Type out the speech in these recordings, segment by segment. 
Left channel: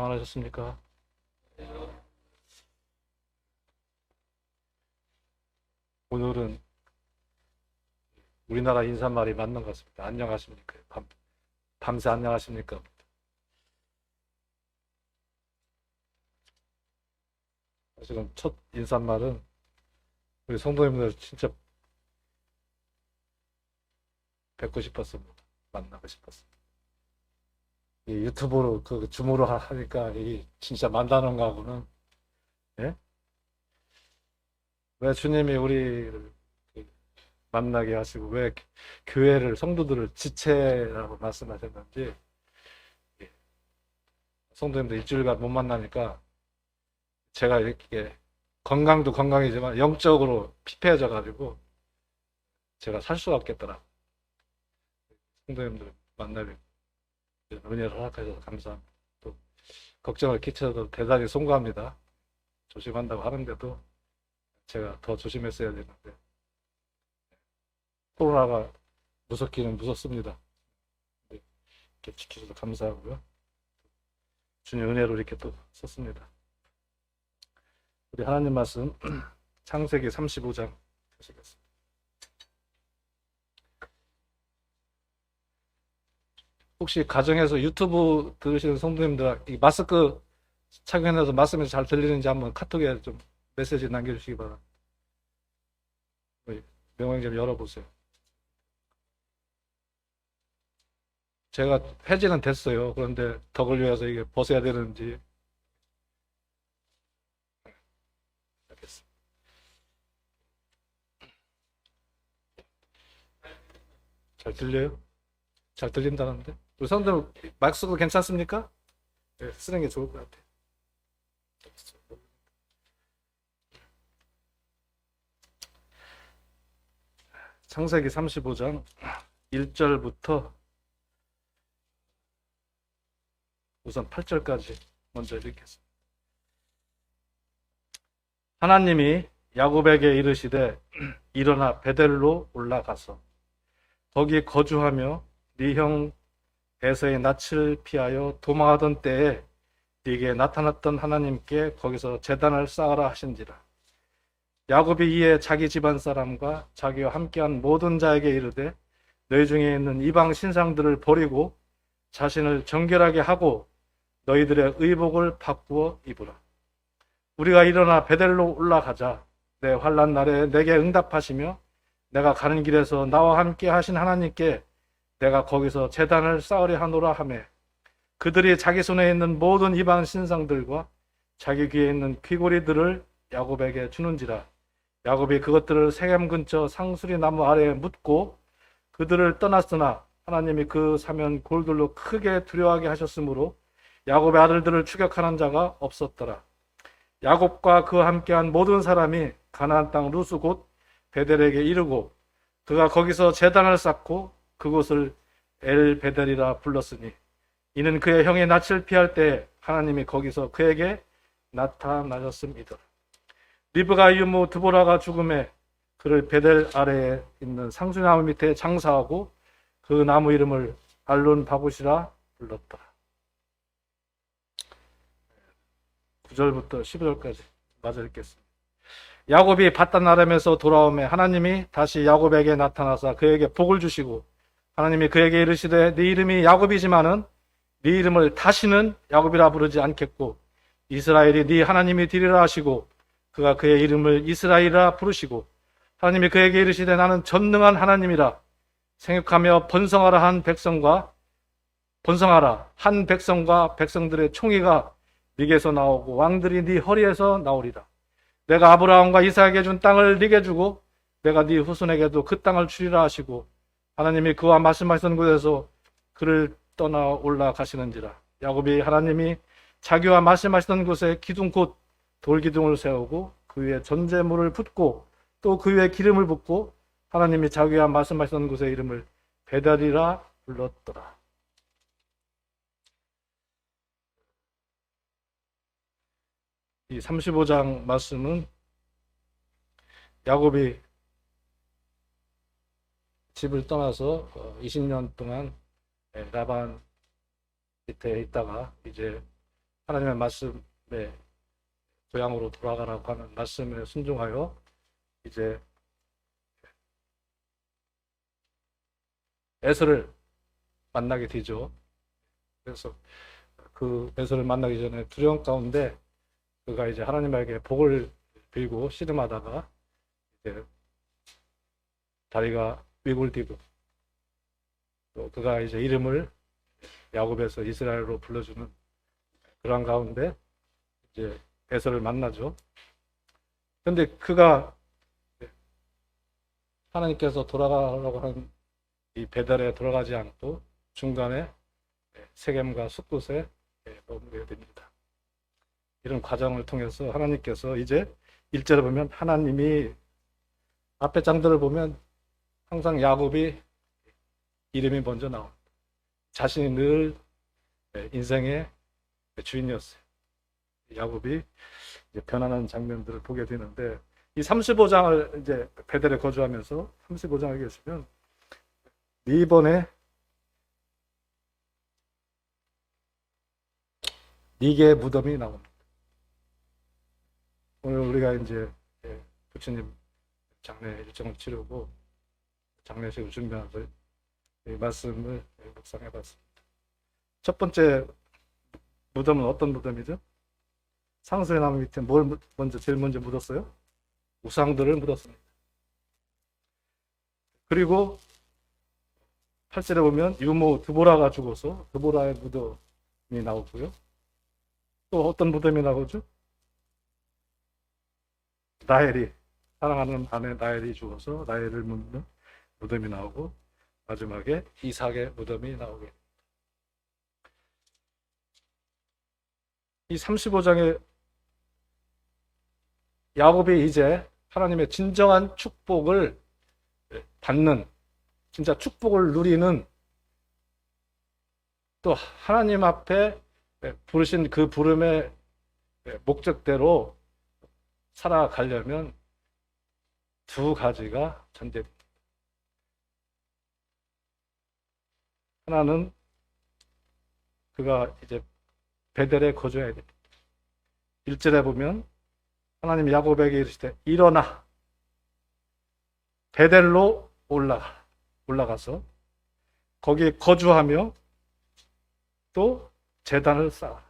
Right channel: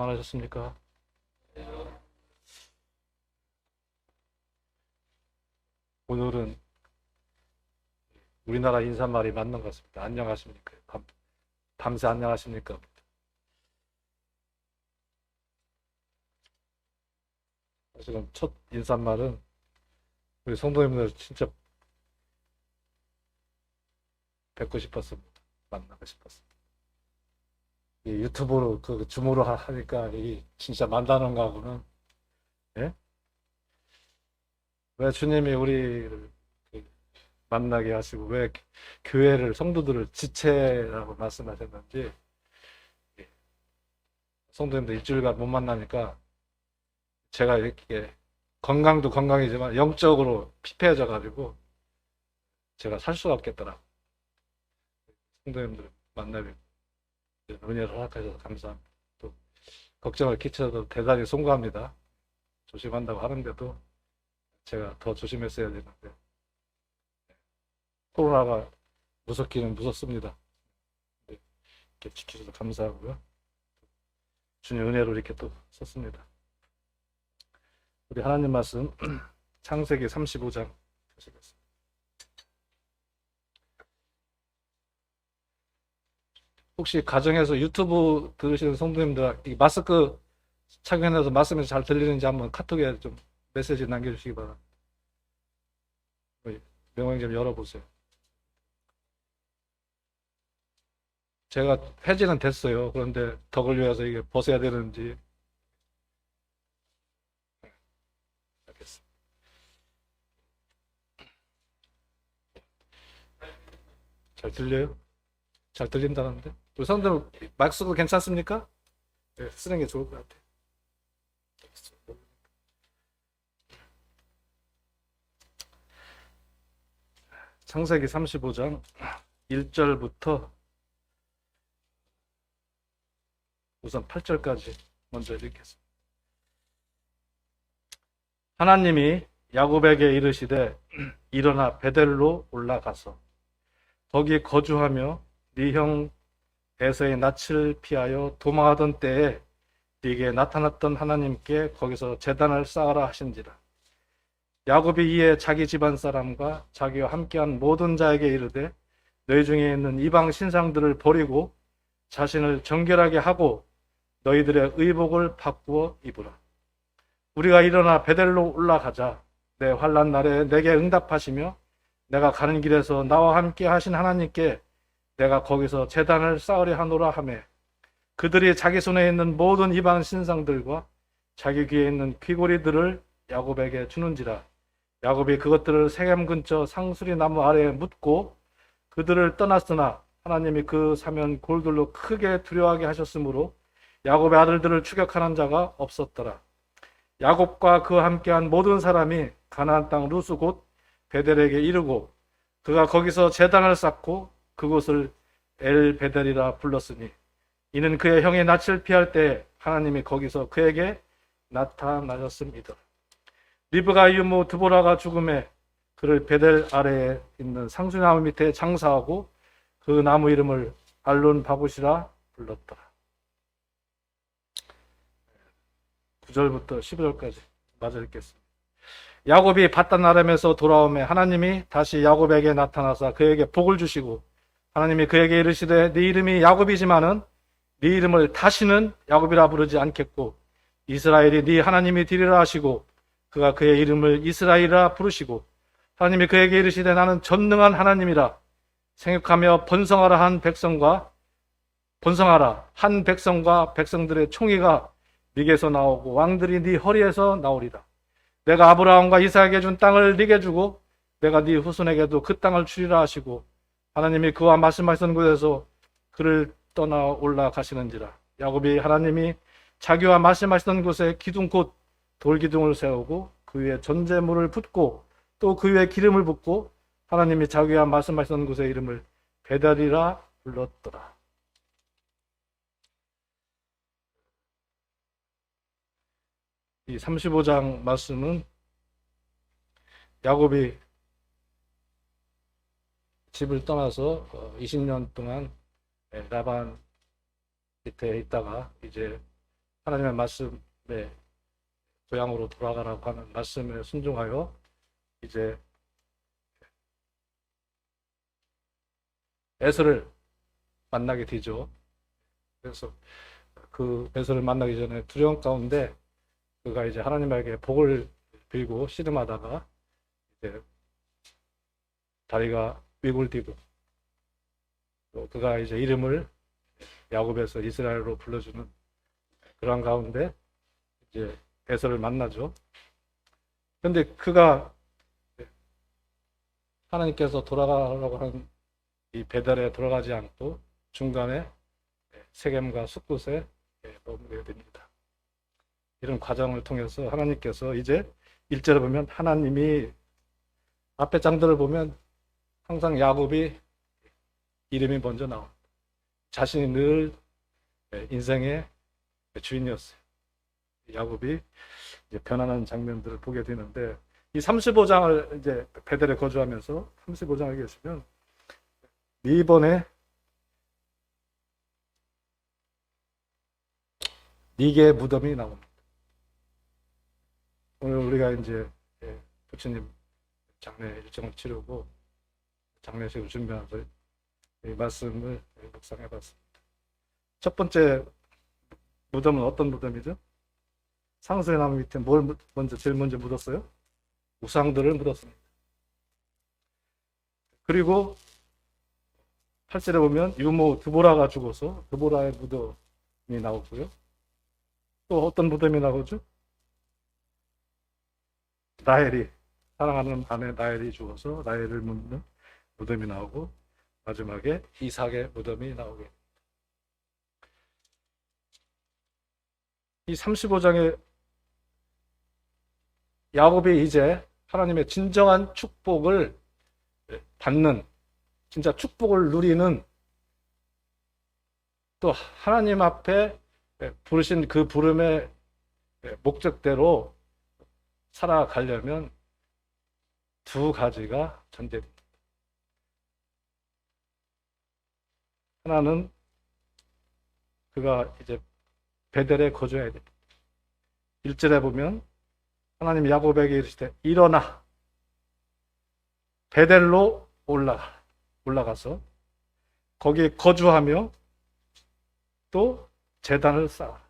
평안하셨습니까? 오늘은 우리나라 인사말이 맞는 것 같습니다. 안녕하십니까? 밤새 안녕하십니까? 사실은 첫 인사말은 우리 성도님들 진짜 뵙고 싶었습니다. 만나고 싶었습니다. 이 유튜브로 그 줌으로 하니까 이 진짜 만나는 거하고는, 예? 왜 주님이 우리를 만나게 하시고 왜 교회를 성도들을 지체라고 말씀하셨는지, 예, 성도님들 일주일간 못 만나니까 제가 이렇게 건강도 건강이지만 영적으로 피폐해져 가지고 제가 살 수가 없겠더라. 성도님들 만나기 은혜를 허락하셔서 감사합니다. 또 걱정을 끼쳐도 대단히 송구합니다. 조심한다고 하는데도 제가 더 조심했어야 되는데 코로나가 무섭기는 무섭습니다. 이렇게 지켜줘서 감사하고요. 주님 은혜로 이렇게 또 썼습니다. 우리 하나님 말씀 창세기 35장 보시겠습니다. 혹시 가정에서 유튜브 들으시는 성도님들 이 마스크 착용해서 말씀이 잘 들리는지 한번 카톡에 좀 메시지 남겨주시기 바랍니다. 명령을 열어보세요. 제가 폐지는 됐어요. 그런데 더 걸려서 이게 벗어야 되는지. 알겠습니다. 잘 들려요? 잘 들린다는데? 우리 성도님 마스크 괜찮습니까? 네, 쓰는 게 좋을 것 같아요. 창세기 35장 1절부터 우선 8절까지 먼저 읽겠습니다. 하나님이 야곱에게 이르시되 일어나 베델로 올라가서 거기 거주하며 네 형 에서의 낯을 피하여 도망하던 때에 네게 나타났던 하나님께 거기서 제단을 쌓으라 하신지라. 야곱이 이에 자기 집안 사람과 자기와 함께한 모든 자에게 이르되 너희 중에 있는 이방 신상들을 버리고 자신을 정결하게 하고 너희들의 의복을 바꾸어 입으라. 우리가 일어나 베델로 올라가자. 내 환난 날에 내게 응답하시며 내가 가는 길에서 나와 함께 하신 하나님께 내가 거기서 제단을 쌓으려 하노라 하매 그들이 자기 손에 있는 모든 이방 신상들과 자기 귀에 있는 귀고리들을 야곱에게 주는지라. 야곱이 그것들을 세겜 근처 상수리 나무 아래에 묻고 그들을 떠났으나 하나님이 그 사면 골들로 크게 두려워하게 하셨으므로 야곱의 아들들을 추격하는 자가 없었더라. 야곱과 그와 함께한 모든 사람이 가나안 땅 루스 곧 베델에게 이르고 그가 거기서 제단을 쌓고 그곳을 엘 베델이라 불렀으니 이는 그의 형의 낯을 피할 때 하나님이 거기서 그에게 나타나셨습니다. 리브가 이모 드보라가 죽음에 그를 베델 아래에 있는 상수나무 밑에 장사하고 그 나무 이름을 알론 바굿이라 불렀다. 9절부터 11절까지 맞아 읽겠습니다. 야곱이 바단 아람에서 돌아오매 하나님이 다시 야곱에게 나타나사 그에게 복을 주시고 하나님이 그에게 이르시되 네 이름이 야곱이지만은 네 이름을 다시는 야곱이라 부르지 않겠고 이스라엘이 네 하나님이 되리라 하시고 그가 그의 이름을 이스라엘이라 부르시고 하나님이 그에게 이르시되 나는 전능한 하나님이라 생육하며 번성하라 한 백성과 백성들의 총회가 네게서 나오고 왕들이 네 허리에서 나오리라. 내가 아브라함과 이삭에게 준 땅을 네게 주고 내가 네 후손에게도 그 땅을 주리라 하시고 하나님이 그와 말씀하신 곳에서 그를 떠나 올라가시는지라. 야곱이 하나님이 자기와 말씀하시던 곳에 기둥 곧 돌기둥을 세우고 그 위에 전제물을 붓고 또 그 위에 기름을 붓고 하나님이 자기와 말씀하시던 곳의 이름을 베델이라 불렀더라. 이 35장 말씀은 야곱이 집을 떠나서 20년 동안 라반 밑에 있다가 이제 하나님의 말씀에 고향으로 돌아가라고 하는 말씀에 순종하여 이제 에서를 만나게 되죠. 그래서 그 에서를 만나기 전에 두려움 가운데 그가 이제 하나님에게 복을 빌고 씨름하다가 이제 다리가 위골되고 또 그가 이제 이름을 야곱에서 이스라엘로 불러주는 그러한 가운데 이제 에서를 만나죠. 그런데 그가 하나님께서 돌아가라고 한 이 베델에 들어가지 않고 중간에 세겜과 숫곳에 머무르게 됩니다. 이런 과정을 통해서 하나님께서 이제 1절을 보면 하나님이 앞에 장들을 보면 항상 야곱이 이름이 먼저 나옵니다. 자신이 늘 인생의 주인이었어요. 야곱이 변화하는 장면들을 보게 되는데 이 35장을 이제 베델에 거주하면서 35장을 계시면 이번에 니게 무덤이 나옵니다. 오늘 우리가 이제 부처님 장례 일정을 치르고 장례식을 준비하고 이 말씀을 묵상해봤습니다. 첫 번째 무덤은 어떤 무덤이죠? 상수의 나무 밑에 뭘 제일 먼저 묻었어요? 우상들을 묻었습니다. 그리고 8절에 보면 유모 드보라가 죽어서 드보라의 무덤이 나오고요. 또 어떤 무덤이 나오죠? 라헬이, 사랑하는 아내 라헬이 죽어서 라헬을 묻는 무덤이 나오고 마지막에 이삭의 무덤이 나오게. 이 35장에 야곱이 이제 하나님의 진정한 축복을 받는, 진짜 축복을 누리는, 또 하나님 앞에 부르신 그 부름의 목적대로 살아가려면 두 가지가 전제됩니다. 하나는 그가 이제 베델에 거주해야 됩니다. 1절에 보면 하나님 야곱에게 이르시되 일어나 베델로 올라가서 거기에 거주하며 또 제단을 쌓아.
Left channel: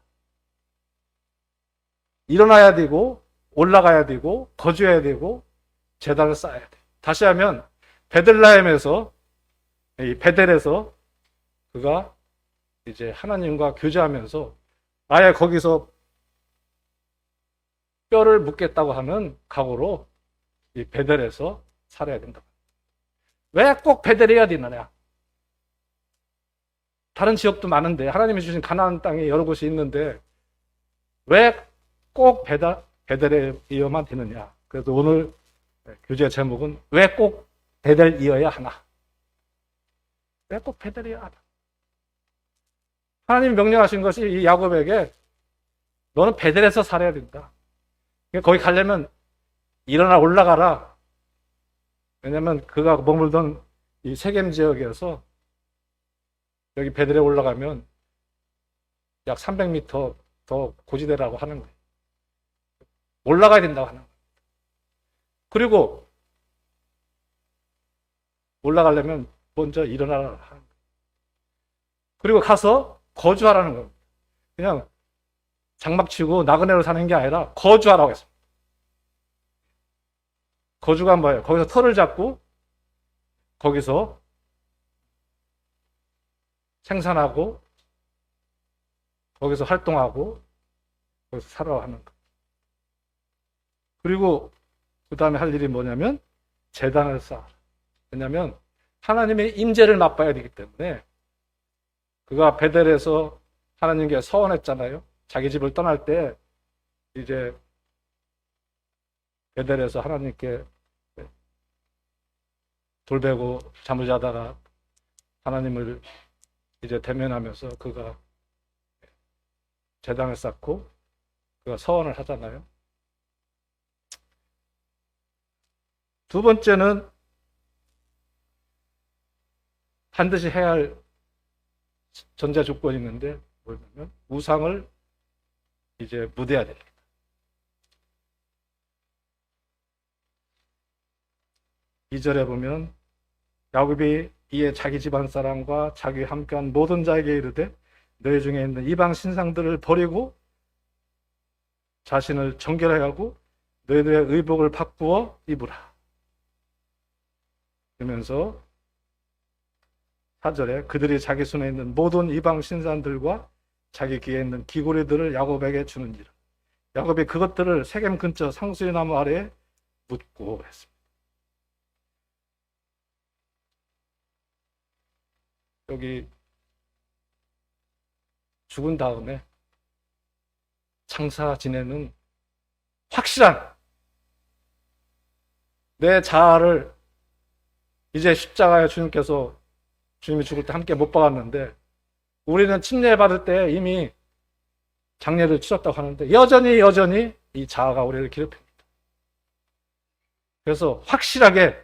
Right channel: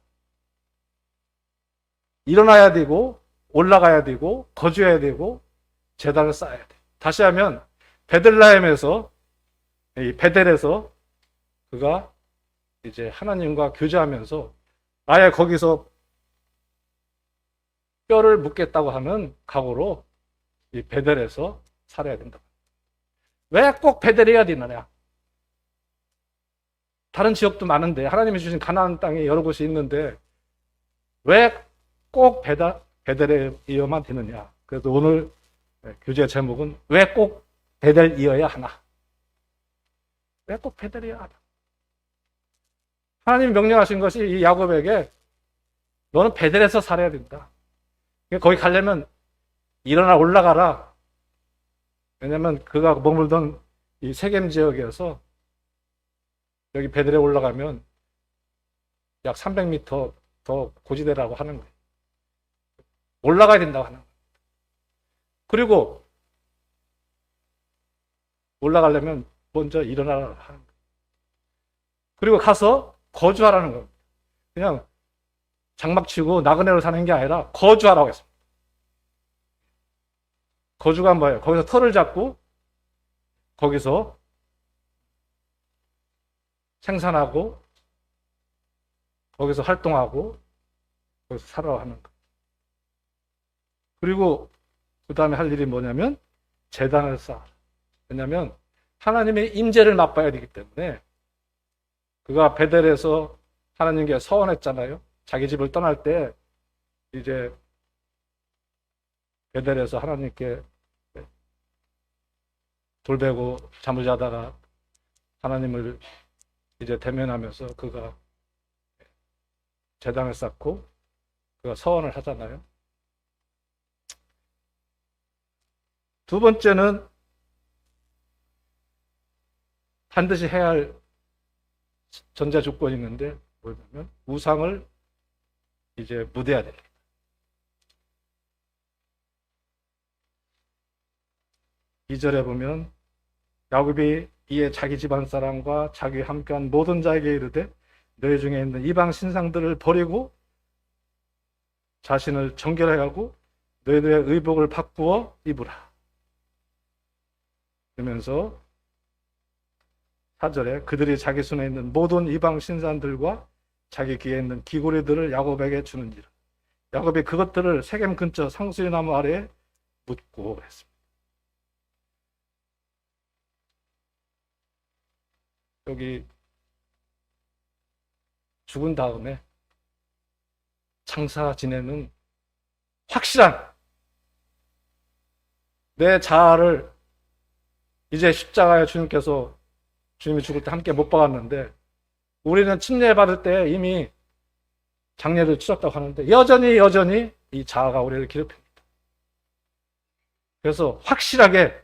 일어나야 되고 올라가야 되고 거주해야 되고 제단을 쌓아야 돼. 다시 하면 베들레헴에서, 이 베델에서 그가 이제 하나님과 교제하면서 아예 거기서 뼈를 묻겠다고 하는 각오로 이 베델에서 살아야 된다. 왜 꼭 베델이어야 되느냐? 다른 지역도 많은데 하나님이 주신 가나안 땅에 여러 곳이 있는데 왜 꼭 베델이어만 되느냐? 그래도 오늘 교재 제목은 왜 꼭 베델이어야 하나? 왜 꼭 베델이어야 하나? 하나님 명령하신 것이 이 야곱에게 너는 베델에서 살아야 된다. 거기 가려면 일어나 올라가라. 왜냐면 그가 머물던 이 세겜 지역에서 여기 베델에 올라가면 약 300m 더 고지대라고 하는 거예요. 올라가야 된다고 하는 거예요. 그리고 올라가려면 먼저 일어나라 하는 거예요. 그리고 가서 거주하라는 겁니다. 그냥 장막치고 나그네로 사는 게 아니라 거주하라고 했습니다. 거주가 뭐예요? 거기서 터를 잡고 거기서 생산하고 거기서 활동하고 거기서 살아가는 거. 그리고 그 다음에 할 일이 뭐냐면 제단을 쌓아. 왜냐하면 하나님의 인재를 맛봐야 되기 때문에 그가 베델에서 하나님께 서원했잖아요. 자기 집을 떠날 때 이제 베델에서 하나님께 돌베고 잠을 자다가 하나님을 이제 대면하면서 그가 제단을 쌓고 그가 서원을 하잖아요. 두 번째는 반드시 해야 할 전제 조건이 있는데 뭐냐면 우상을 이제 묻어야 됩니다. 이 절에 보면 야곱이 이에 자기 집안 사람과 자기 함께한 모든 자에게 이르되 너희 중에 있는 이방 신상들을 버리고 자신을 정결하게 하고 너희들의 의복을 바꾸어 입으라. 그러면서 4절에 그들이 자기 손에 있는 모든 이방 신상들과 자기 귀에 있는 귀고리들을 야곱에게 주는지라. 야곱이 그것들을 세겜 근처 상수리 나무 아래에 묻고 했습니다. 여기 죽은 다음에 장사 지내는 확실한 내 자아를 이제 십자가에 주님께서 주님이 죽을 때 함께 못 박았는데 우리는 침례 받을 때 이미 장례를 치렀다고 하는데 여전히 이 자아가 우리를 괴롭힙니다. 그래서 확실하게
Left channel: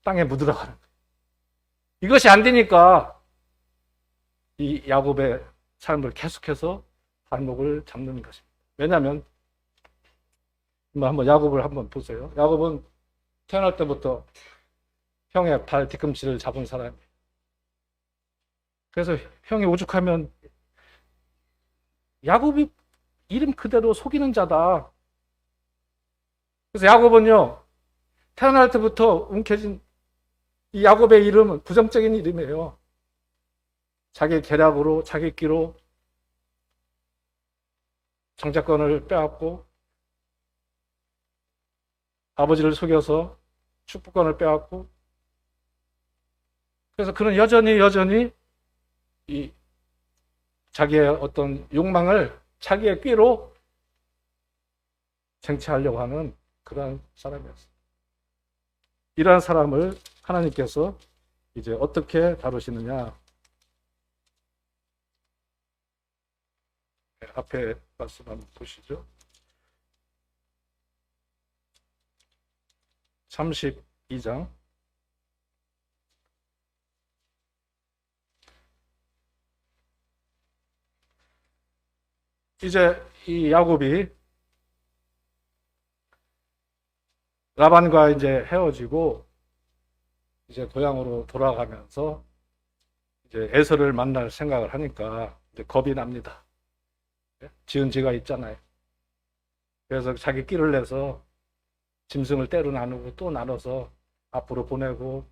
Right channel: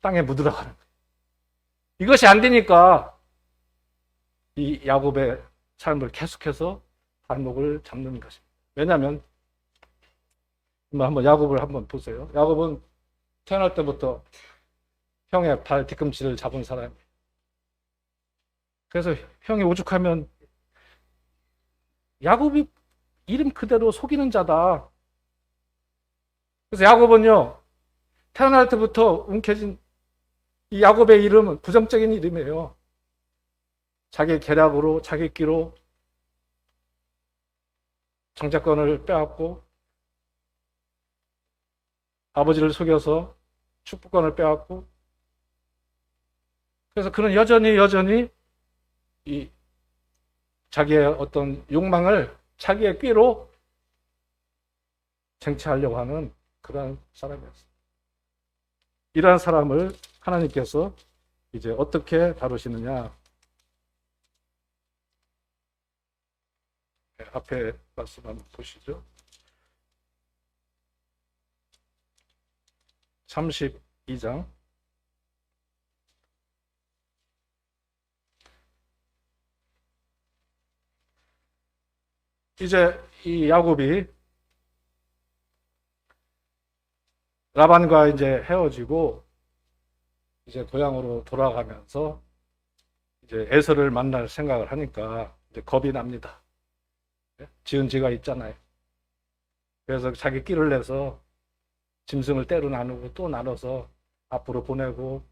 땅에 묻으라고 하는 거예요. 이것이 안 되니까 이 야곱의 삶을 계속해서 발목을 잡는 것입니다. 왜냐하면 한번 야곱을 한번 보세요. 야곱은 태어날 때부터 형의 발 뒤꿈치를 잡은 사람이에요. 그래서 형이 오죽하면 야곱이 이름 그대로 속이는 자다. 그래서 야곱은요 태어날 때부터 움켜진 이 야곱의 이름은 부정적인 이름이에요. 자기 계략으로 자기 끼로 정자권을 빼앗고 아버지를 속여서 축복권을 빼앗고 그래서 그는 여전히 이 자기의 어떤 욕망을 자기의 꾀로 쟁취하려고 하는 그런 사람이었어요. 이러한 사람을 하나님께서 이제 어떻게 다루시느냐. 네, 앞에 말씀 한번 보시죠. 32장 이제 이 야곱이 라반과 이제 헤어지고 이제 고향으로 돌아가면서 이제 에서를 만날 생각을 하니까 이제 겁이 납니다. 지은 지가 있잖아요. 그래서 자기 끼를 내서 짐승을 때로 나누고 또 나눠서 앞으로 보내고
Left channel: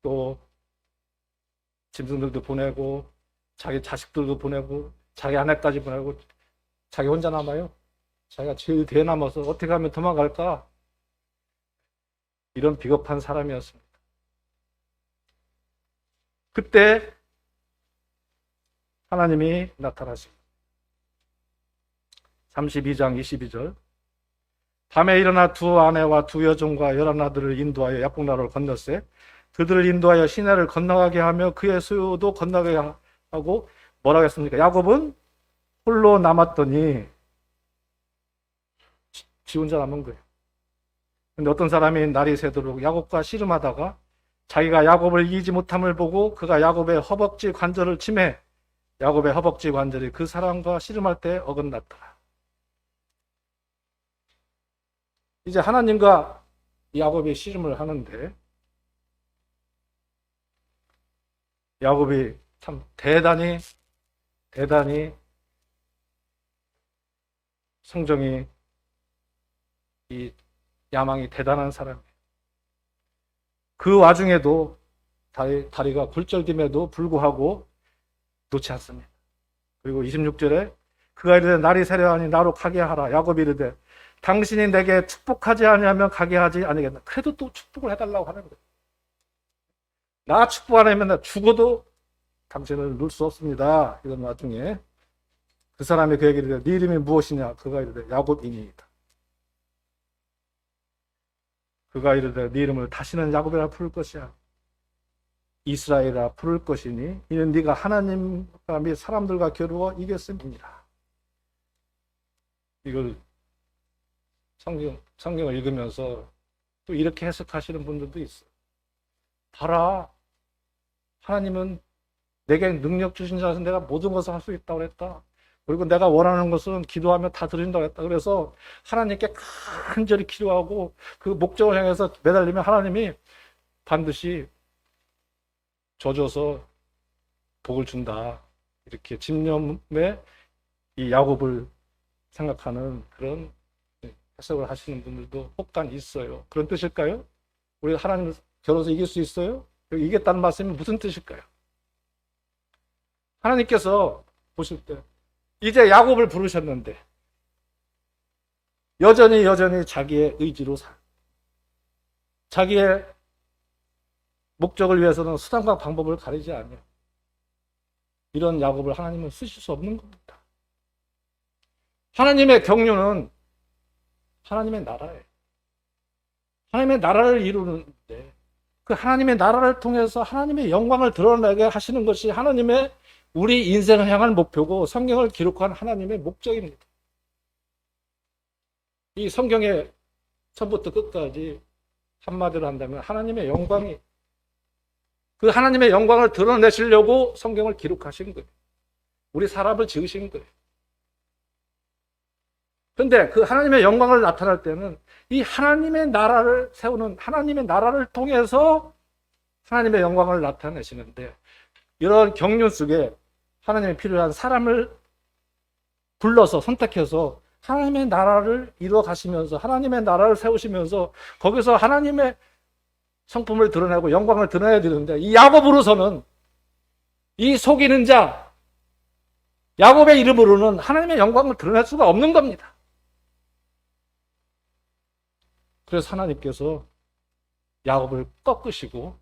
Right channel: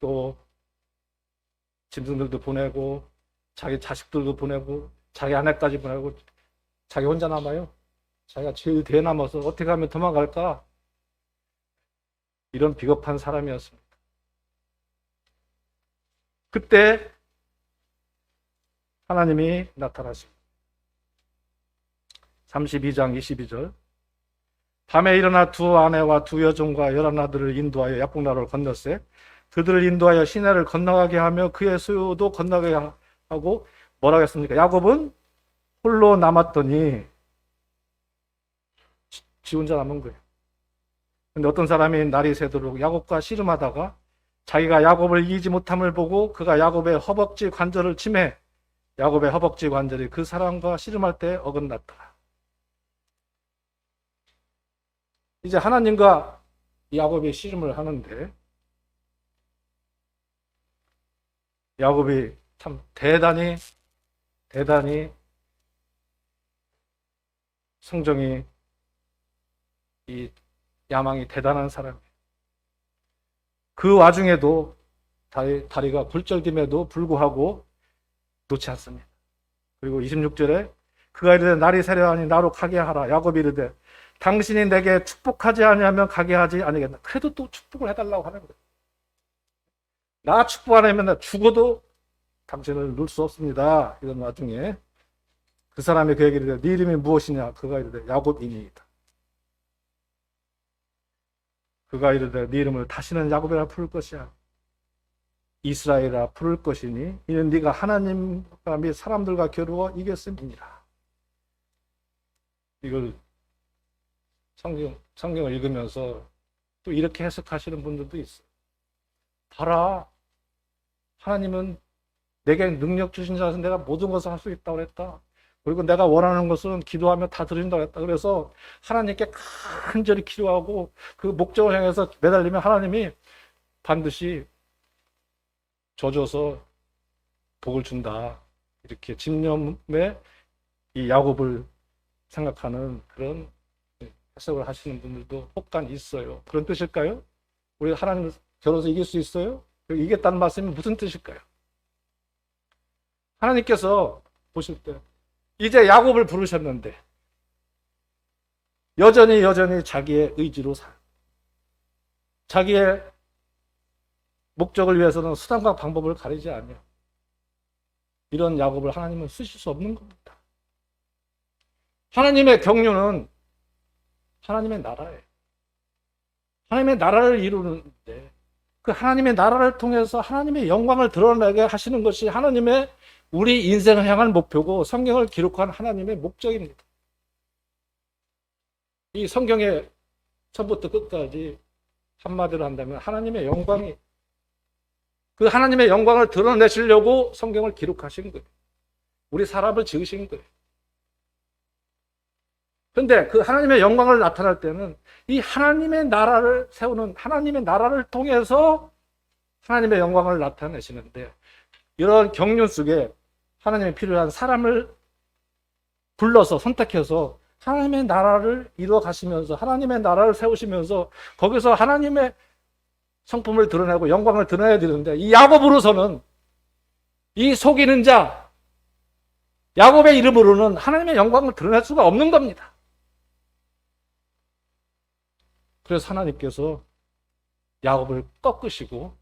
또 짐승들도 보내고 자기 자식들도 보내고 자기 아내까지 보내고 자기 혼자 남아요. 자기가 제일 뒤에 남아서 어떻게 하면 도망갈까? 이런 비겁한 사람이었습니다. 그때 하나님이 나타나십니다. 32장 22절 밤에 일어나 두 아내와 두 여종과 열한 아들을 인도하여 약국나루를 건넜으되 그들을 인도하여 시내를 건너가게 하며 그의 수요도 건너가게 하고 뭐라 했습니까? 야곱은 홀로 남았더니 지 혼자 남은 거예요. 근데 어떤 사람이 날이 새도록 야곱과 씨름하다가 자기가 야곱을 이기지 못함을 보고 그가 야곱의 허벅지 관절을 치매 야곱의 허벅지 관절이 그 사람과 씨름할 때 어긋났다. 이제 하나님과 야곱이 씨름을 하는데 야곱이 참 대단히 성정이 이 야망이 대단한 사람이에요. 그 와중에도 다리가 굴절됨에도 불구하고 놓지 않습니다. 그리고 26절에 그가 이르되 날이 새려하니 나로 가게 하라. 야곱이 이르되 당신이 내게 축복하지 아니하면 가게 하지 아니겠다. 그래도 또 축복을 해달라고 하는 거예요. 나 축복 안 하면 나 죽어도 당신을 놓을 수 없습니다. 이런 와중에 그 사람이 그에게 이르되 네 이름이 무엇이냐? 그가 이르되 야곱이니이다. 그가 이르되 네 이름을 다시는 야곱이라 부를 것이야. 이스라엘이라 부를 것이니 이는 네가 하나님과 및 사람들과 겨루어 이겼음이니라. 이걸 성경을 읽으면서 또 이렇게 해석하시는 분들도 있어요. 봐라, 하나님은 내게 능력 주신 자에서 내가 모든 것을 할 수 있다고 했다. 그리고 내가 원하는 것은 기도하면 다 드린다고 했다. 그래서 하나님께 간절히 기도하고 그 목적을 향해서 매달리면 하나님이 반드시 져줘서 복을 준다. 이렇게 집념에 이 야곱을 생각하는 그런 해석을 하시는 분들도 혹간 있어요. 그런 뜻일까요? 우리 하나님 겨뤄서 이길 수 있어요? 이겼다는 말씀이 무슨 뜻일까요? 하나님께서 보실 때 이제 야곱을 부르셨는데 여전히 자기의 의지로 자기의 목적을 위해서는 수단과 방법을 가리지 않으며 이런 야곱을 하나님은 쓰실 수 없는 겁니다. 하나님의 경륜은 하나님의 나라예요. 하나님의 나라를 이루는데 그 하나님의 나라를 통해서 하나님의 영광을 드러내게 하시는 것이 하나님의 우리 인생을 향한 목표고 성경을 기록한 하나님의 목적입니다. 이 성경의 처음부터 끝까지 한마디로 한다면 하나님의 영광이 그 하나님의 영광을 드러내시려고 성경을 기록하신 거예요. 우리 사람을 지으신 거예요. 그런데 그 하나님의 영광을 나타날 때는 이 하나님의 나라를 세우는 하나님의 나라를 통해서 하나님의 영광을 나타내시는데 이러한 경륜 속에 하나님이 필요한 사람을 불러서 선택해서 하나님의 나라를 이루어 가시면서 하나님의 나라를 세우시면서 거기서 하나님의 성품을 드러내고 영광을 드러내야 되는데 이 야곱으로서는 이 속이는 자 야곱의 이름으로는 하나님의 영광을 드러낼 수가 없는 겁니다. 그래서 하나님께서 야곱을 꺾으시고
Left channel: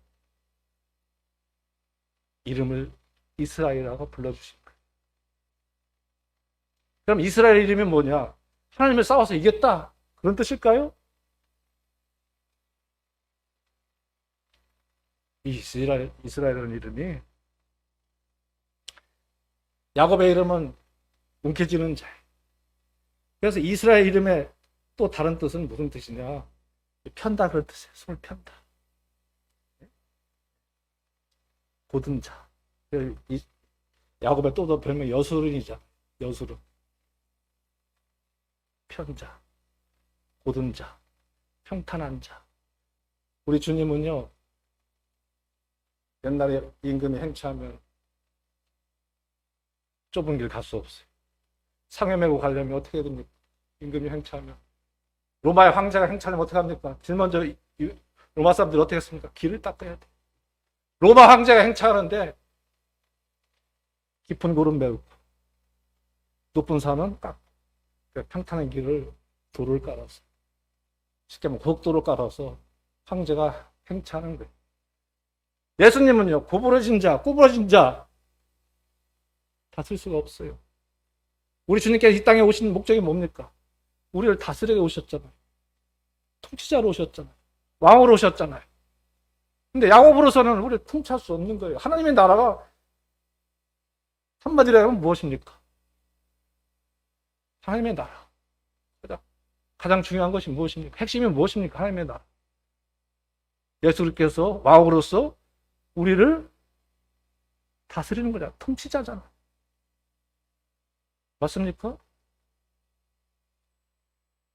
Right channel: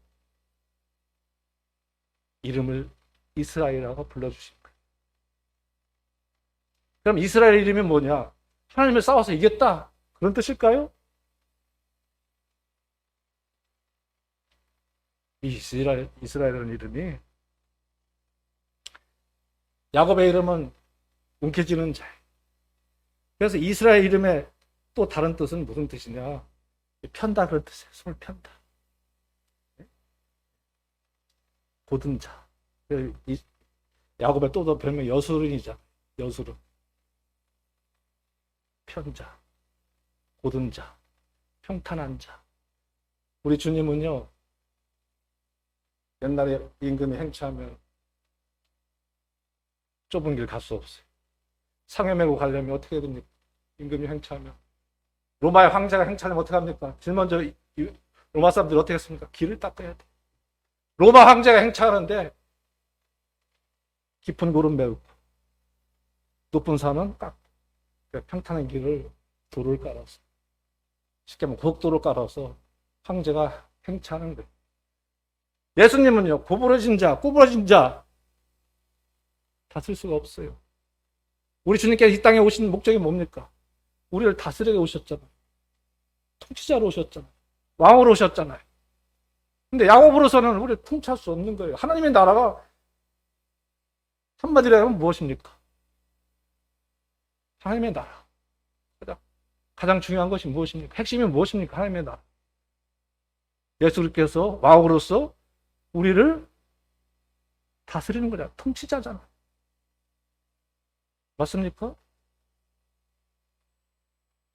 이름을 이스라엘이라고 불러주신 거예요. 그럼 이스라엘 이름이 뭐냐? 하나님을 싸워서 이겼다. 그런 뜻일까요? 이스라엘이라는 이름이 야곱의 이름은 움켜쥐는 자. 그래서 이스라엘 이름의 또 다른 뜻은 무슨 뜻이냐? 편다는 뜻이에요. 손을 편다. 고든 자. 야곱의 또 별명 여수른이잖아. 여수른. 편자. 고든 자. 평탄한 자. 우리 주님은요. 옛날에 임금이 행차하면 좁은 길 갈 수 없어요. 상해 메고 가려면 어떻게 해야 됩니까? 임금이 행차하면. 로마의 황제가 행차하면 어떻게 합니까? 제일 먼저 로마 사람들이 어떻게 했습니까? 길을 닦아야 돼. 로마 황제가 행차하는데 깊은 골은 메우고 높은 산은 깎고 평탄한 길을 돌을 깔아서 쉽게 말하면 국도를 깔아서 황제가 행차하는 거예요. 예수님은요, 구부러진 자 다쓸 수가 없어요. 우리 주님께서 이 땅에 오신 목적이 뭡니까? 우리를 다스리게 오셨잖아요. 통치자로 오셨잖아요. 왕으로 오셨잖아요. 근데 야곱으로서는 우리를 통치할 수 없는 거예요. 하나님의 나라가 한마디로 하면 무엇입니까? 하나님의 나라. 가장 중요한 것이 무엇입니까? 핵심이 무엇입니까? 하나님의 나라. 예수님께서 왕으로서 우리를 다스리는 거야. 통치자잖아. 맞습니까?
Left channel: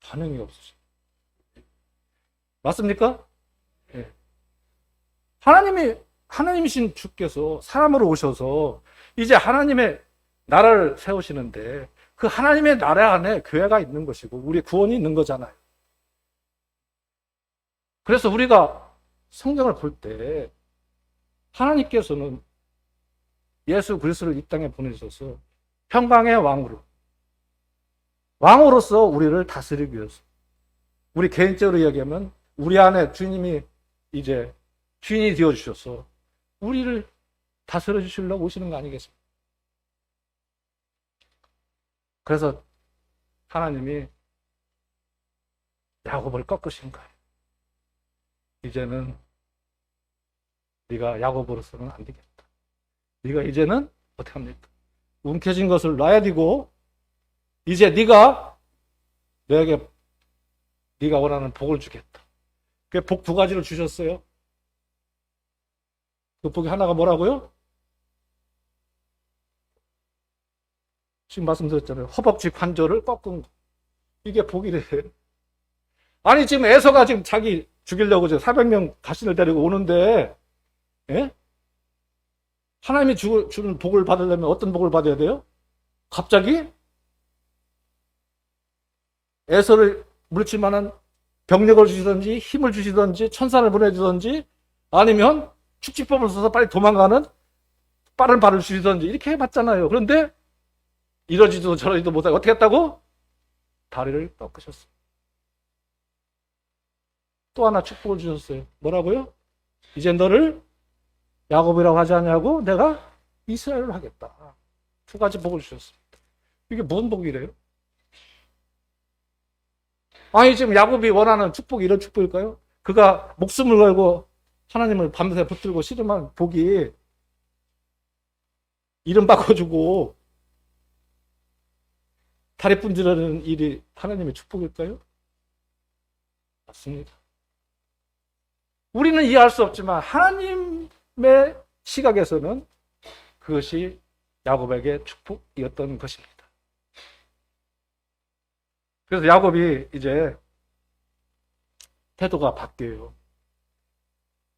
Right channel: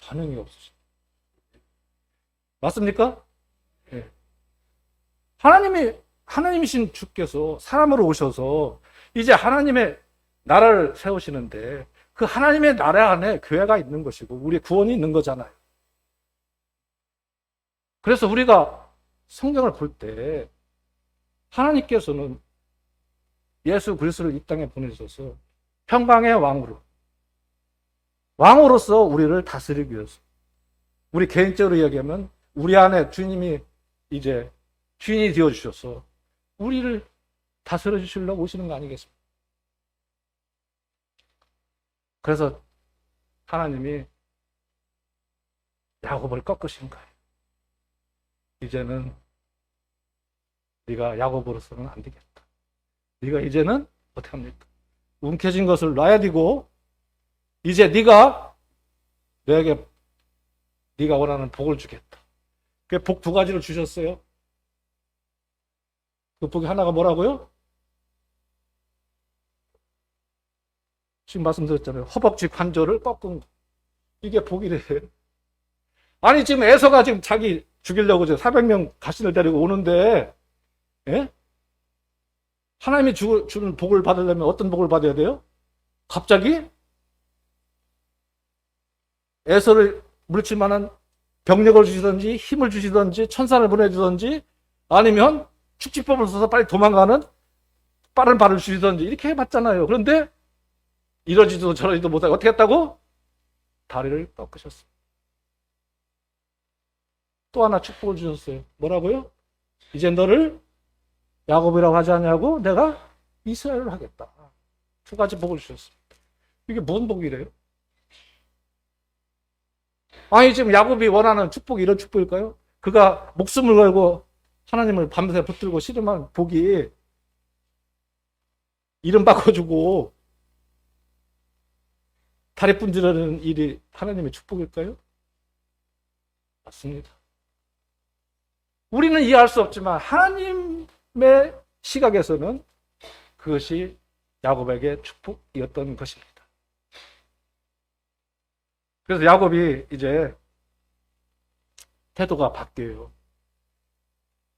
반응이 없으시죠. 맞습니까? 네. 하나님이신 주께서 사람으로 오셔서 이제 하나님의 나라를 세우시는데 그 하나님의 나라 안에 교회가 있는 것이고 우리의 구원이 있는 거잖아요. 그래서 우리가 성경을 볼 때 하나님께서는 예수 그리스도를 이 땅에 보내셔서 평강의 왕으로서 우리를 다스리기 위해서 우리 개인적으로 이야기하면 우리 안에 주님이 이제 주인이 되어주셔서 우리를 다스려 주시려고 오시는 거 아니겠습니까? 그래서 하나님이 야곱을 꺾으신 거예요. 이제는 네가 야곱으로서는 안 되겠다. 네가 이제는 어떻게 합니까? 움켜진 것을 놔야 되고 이제 네가 너에게 네가 원하는 복을 주겠다. 그 복 두 가지를 주셨어요. 그 복이 하나가 뭐라고요? 지금 말씀드렸잖아요. 허벅지 관절을 꺾은 거. 이게 복이래요. 아니 지금 에서가 지금 자기 죽이려고 이제 400명 가시를 데리고 오는데, 예? 하나님이 주는 복을 받으려면 어떤 복을 받아야 돼요? 갑자기 에서를 물칠 만한 병력을 주시든지 힘을 주시든지 천사를 보내주든지 아니면 축지법을 써서 빨리 도망가는 빠른 발을 주시든지 이렇게 해봤잖아요. 그런데 이러지도 저러지도 못하고 어떻게 했다고? 다리를 꺾으셨어요. 또 하나 축복을 주셨어요. 뭐라고요? 이제 너를 야곱이라고 하지 않냐고 내가 이스라엘을 하겠다. 두 가지 복을 주셨어요. 이게 뭔 복이래요? 아니 지금 야곱이 원하는 축복이 이런 축복일까요? 그가 목숨을 걸고 하나님을 밤새 붙들고 씨름한 복이 이름 바꿔주고 다리 분질하는 일이 하나님의 축복일까요? 맞습니다. 우리는 이해할 수 없지만 하나님의 시각에서는 그것이 야곱에게 축복이었던 것입니다. 그래서 야곱이 이제 태도가 바뀌어요.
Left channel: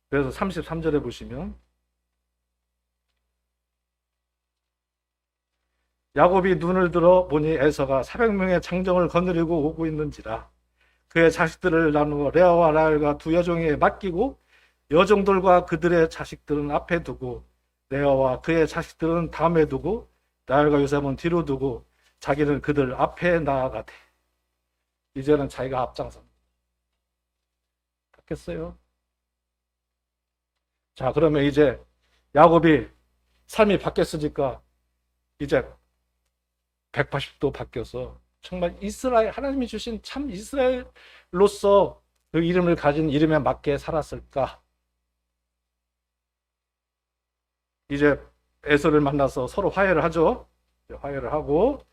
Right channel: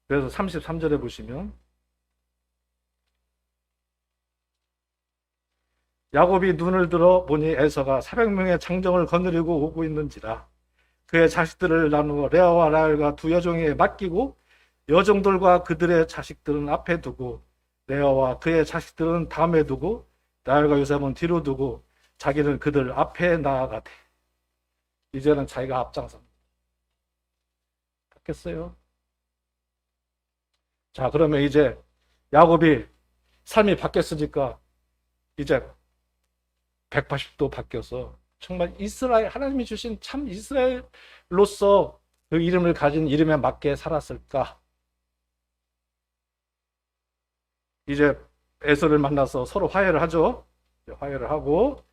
그래서 33절에 보시면 야곱이 눈을 들어 보니 에서가 400명의 장정을 거느리고 오고 있는지라 그의 자식들을 나누어 레아와 라헬과 두 여종에게 맡기고 여종들과 그들의 자식들은 앞에 두고 레아와 그의 자식들은 다음에 두고 라헬과 요셉은 뒤로 두고 자기는 그들 앞에 나아가되 이제는 자기가 앞장섭니다. 바뀌었어요. 자, 그러면 이제 야곱이 삶이 바뀌었으니까 이제 180도 바뀌어서 정말 이스라엘, 하나님이 주신 참 이스라엘로서 그 이름을 가진 이름에 맞게 살았을까? 이제 에서를 만나서 서로 화해를 하죠. 화해를 하고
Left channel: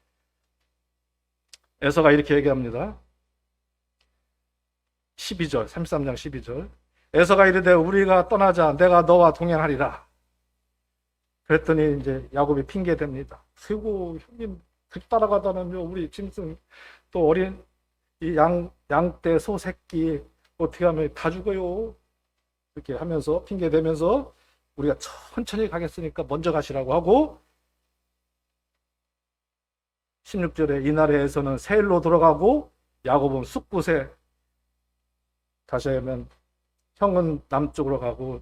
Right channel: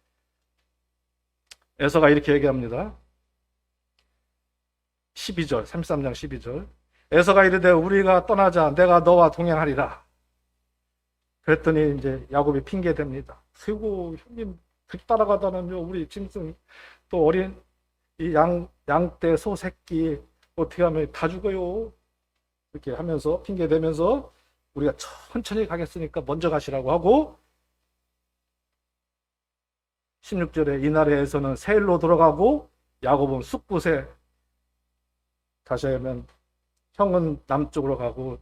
에서가 이렇게 얘기합니다. 12절, 33장 12절. 에서가 이르되 우리가 떠나자 내가 너와 동행하리라. 그랬더니 이제 야곱이 핑계 댑니다. 아이고 형님 따라가다는요 우리 짐승 또 어린 이 양떼 소 새끼 어떻게 하면 다 죽어요. 이렇게 하면서 핑계 대면서 우리가 천천히 가겠으니까 먼저 가시라고 하고 16절에 이날에서는 세일로 돌아가고 야곱은 숫곳에 가셔야면 형은 남쪽으로 가고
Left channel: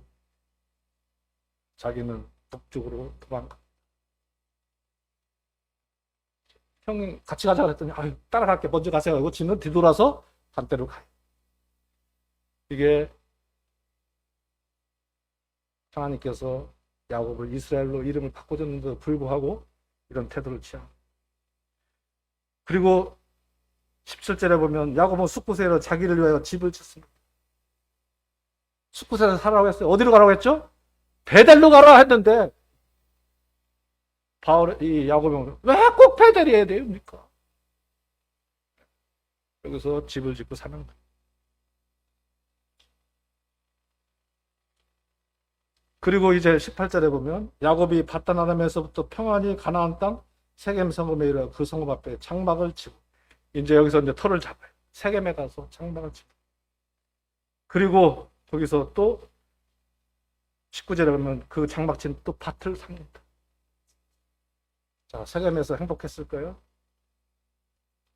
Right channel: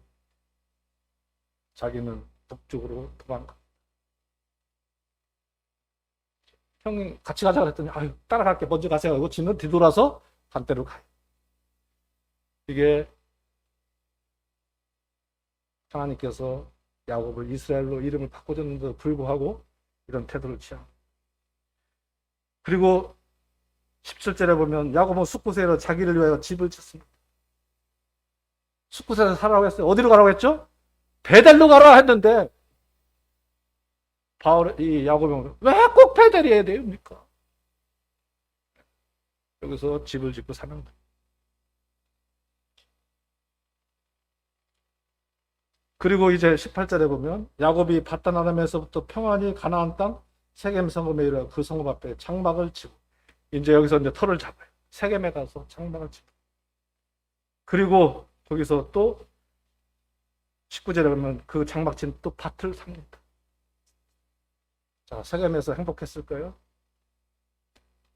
자기는 북쪽으로 도망가. 형이 같이 가자고 했더니 아유 따라갈게 먼저 가세요 하고 지는 뒤돌아서 반대로 가요. 이게 하나님께서 야곱을 이스라엘로 이름을 바꿔줬는데도 불구하고 이런 태도를 취합니다. 그리고 17절에 보면 야곱은 숫곳에서 자기를 위하여 집을 짓습니다. 숫곳에서 살아가고 했어요. 어디로 가라고 했죠? 베델로 가라 했는데 이 야곱은 왜 꼭 베델이어야 됩니까? 여기서 집을 짓고 사는 거예요. 그리고 이제 18절에 보면 야곱이 바단 아람에서부터 평안히 가나안 땅 세겜 성읍에 이르러 그 성읍 앞에 장막을 치고 이제 여기서 이제 터를 잡아요. 세겜에 가서 장막을 치고 그리고 거기서 또 19절에 보면 그 장막 친 또 밭을 삽니다. 자, 세겜에서 행복했을까요?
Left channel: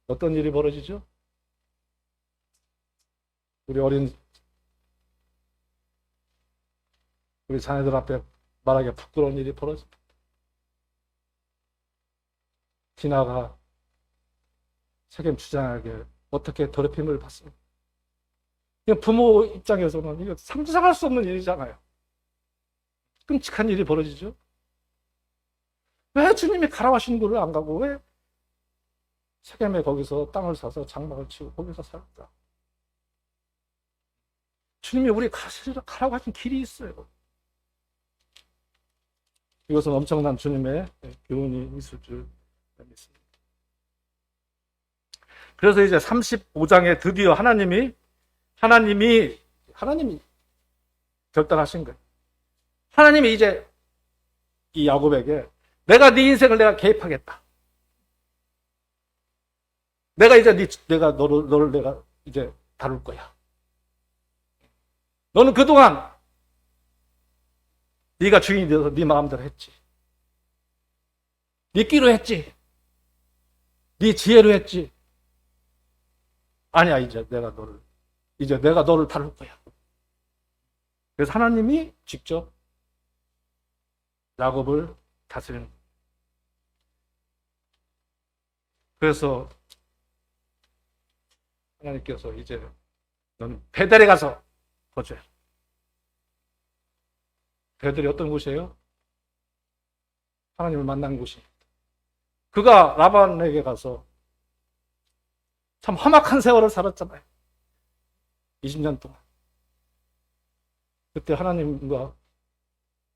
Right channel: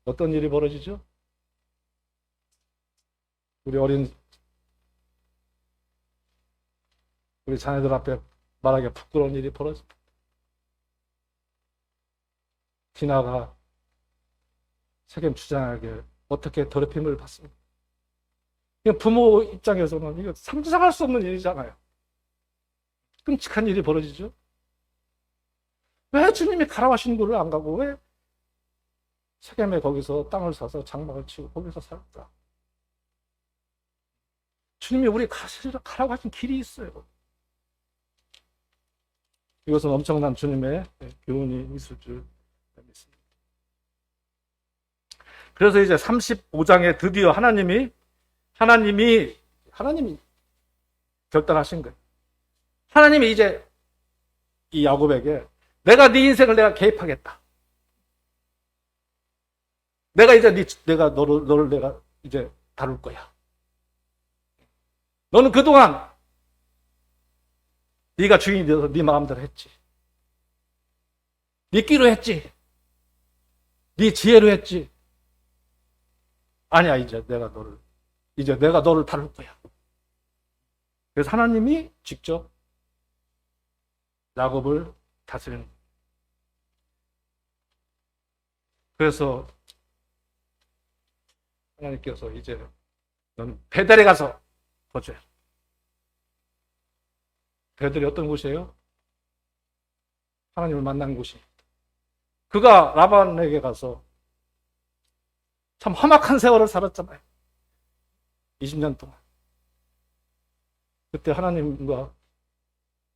어떤 일이 벌어지죠? 우리 자녀들 앞에 말하기가 부끄러운 일이 벌어집니다. 디나가 세겜 주장에게 어떻게 더럽힘을 받습니까? 부모 입장에서는 이거 상상할 수 없는 일이잖아요. 끔찍한 일이 벌어지죠. 왜 주님이 가라고 하시는 곳을 안 가고 왜 세겜에 거기서 땅을 사서 장막을 치고 거기서 살았다. 주님이 우리 가라고 하신 길이 있어요. 이것은 엄청난 주님의 교훈이 있을 줄 믿습니다. 그래서 이제 35장에 드디어 하나님이 결단하신 거예요. 하나님이 이제 이 야곱에게 내가 네 인생을 내가 개입하겠다. 내가 이제 내가 너를 내가 이제 다룰 거야. 너는 그동안 네가 주인이 되어서 네 마음대로 했지. 네 끼로 했지. 네 지혜로 했지. 아니야, 이제 내가 너를 다룰 거야. 그래서 하나님이 직접 야곱을 다스리는 거야. 그래서 하나님께서 이제 넌 베델에 가서 거주해. 베델이 어떤 곳이에요? 하나님을 만난 곳입니다. 그가 라반에게 가서 참 험악한 세월을 살았잖아요. 20년 동안. 그때 하나님과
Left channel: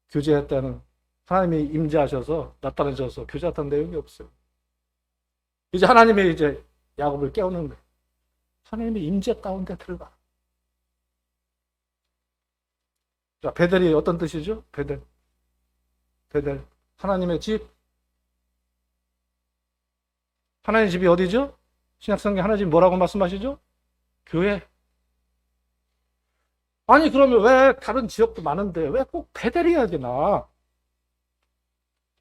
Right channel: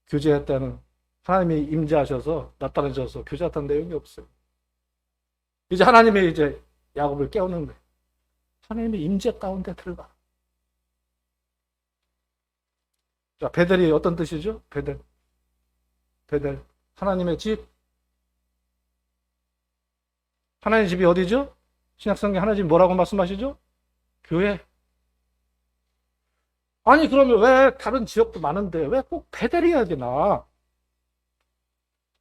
교제했다는, 하나님이 임재하셔서 나타나셔서 교제했다는 내용이 없어요. 이제 하나님이 이제 야곱을 깨우는 거예요. 하나님의 임재 가운데 들어가. 자, 베델이 어떤 뜻이죠? 베델. 하나님의 집. 하나님의 집이 어디죠? 신약성경 하나님 뭐라고 말씀하시죠? 교회. 아니, 그러면 왜 다른 지역도 많은데 왜 꼭 베델이어야 되나?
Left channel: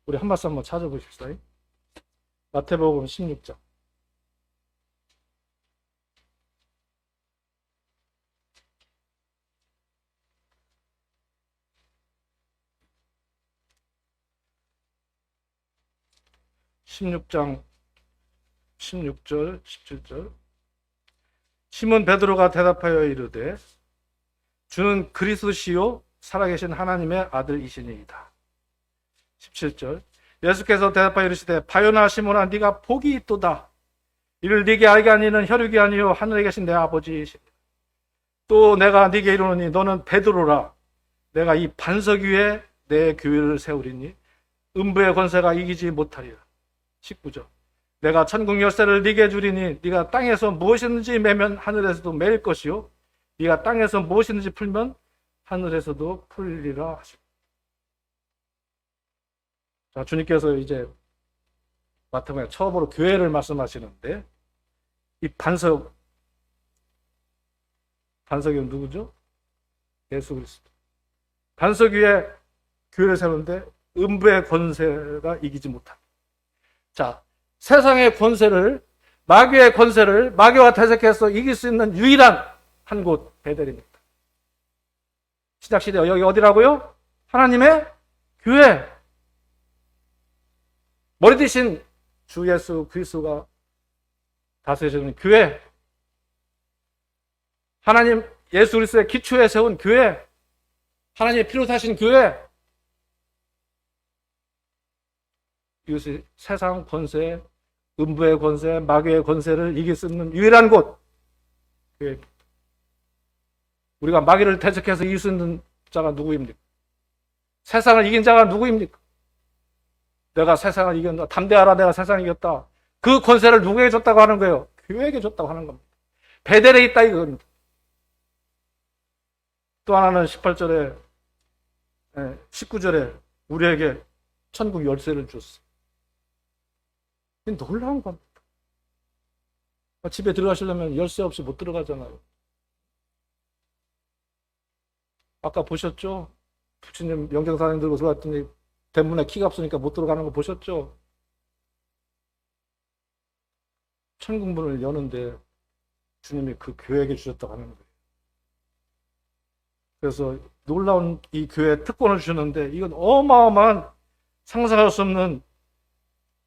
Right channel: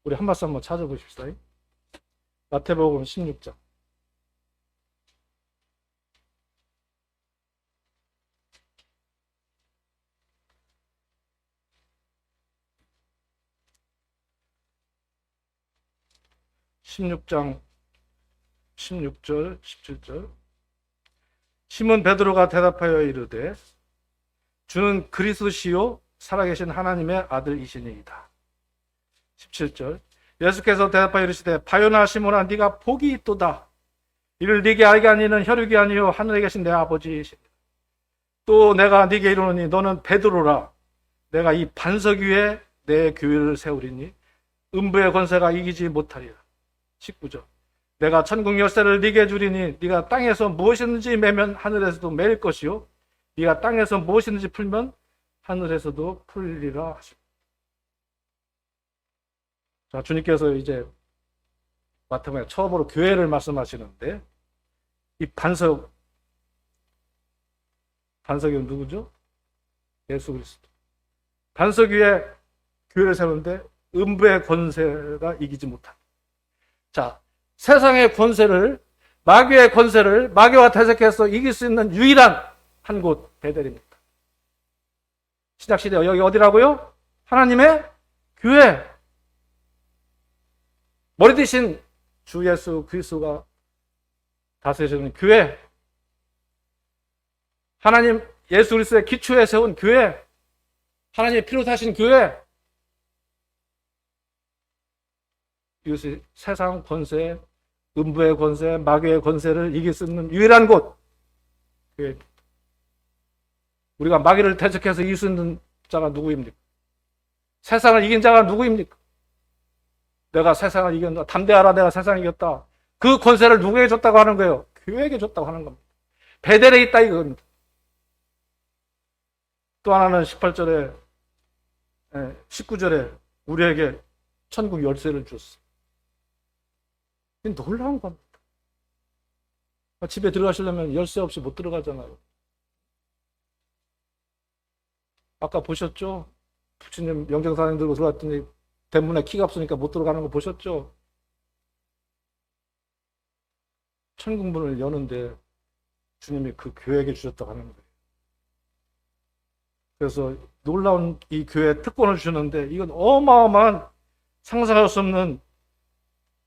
우리 한 말씀 한번 찾아보십시오. 마태복음 16장. (16장) 16절 17절. 시몬 베드로가 대답하여 이르되 주는 그리스도시요 살아계신 하나님의 아들이시니이다. 17절. 예수께서 대답하여 이르시되 바요나 시몬아 네가 복이 있도다. 이를 네게 알게 하니는 혈육이 아니요 하늘에 계신 내 아버지이시다. 또 내가 네게 이르노니 너는 베드로라. 내가 이 반석 위에 내 교회를 세우리니 음부의 권세가 이기지 못하리라. 19절. 내가 천국 열쇠를 네게 주리니 네가 땅에서 무엇이든지 매면 하늘에서도 매일 것이요 네가 땅에서 무엇이든지 풀면 하늘에서도 풀리리라 하시고. 자, 주님께서 이제 마태복음 처음으로 교회를 말씀하시는데 이 반석이 누구죠? 예수 그리스도. 반석 위에 교회를 세우는데 음부의 권세가 이기지 못합니다. 자, 세상의 권세를, 마귀의 권세를 마귀와 대적해서 이길 수 있는 유일한 한 곳 베델입니다. 신약시대 여기 어디라고요? 하나님의 교회. 머리 대신 주 예수 그리스도가 다스리시는 교회. 하나님 예수 그리스도의 기초에 세운 교회. 하나님의 피로 사신 교회. 이것이 세상 권세, 음부의 권세, 마귀의 권세를 이길 수 있는 유일한 곳. 교회입니다. 우리가 마귀를 대적해서 이길 수 있는 자가 누구입니까? 세상을 이긴 자가 누구입니까? 내가 세상을 이겼다. 담대하라, 내가 세상을 이겼다. 그 권세를 누구에게 줬다고 하는 거예요? 교회에게 줬다고 하는 겁니다. 베델에 있다 이겁니다. 또 하나는 18절에 19절에 우리에게 천국 열쇠를 줬어. 놀라운 겁니다. 집에 들어가시려면 열쇠 없이 못 들어가잖아요. 아까 보셨죠? 부처님 영정사님 들고 들어갔더니 대문에 키가 없으니까 못 들어가는 거 보셨죠? 천국 문을 여는데 주님이 그 교회에게 주셨다고 하는 거예요. 그래서 놀라운 이 교회 특권을 주셨는데 이건 어마어마한 상상할 수 없는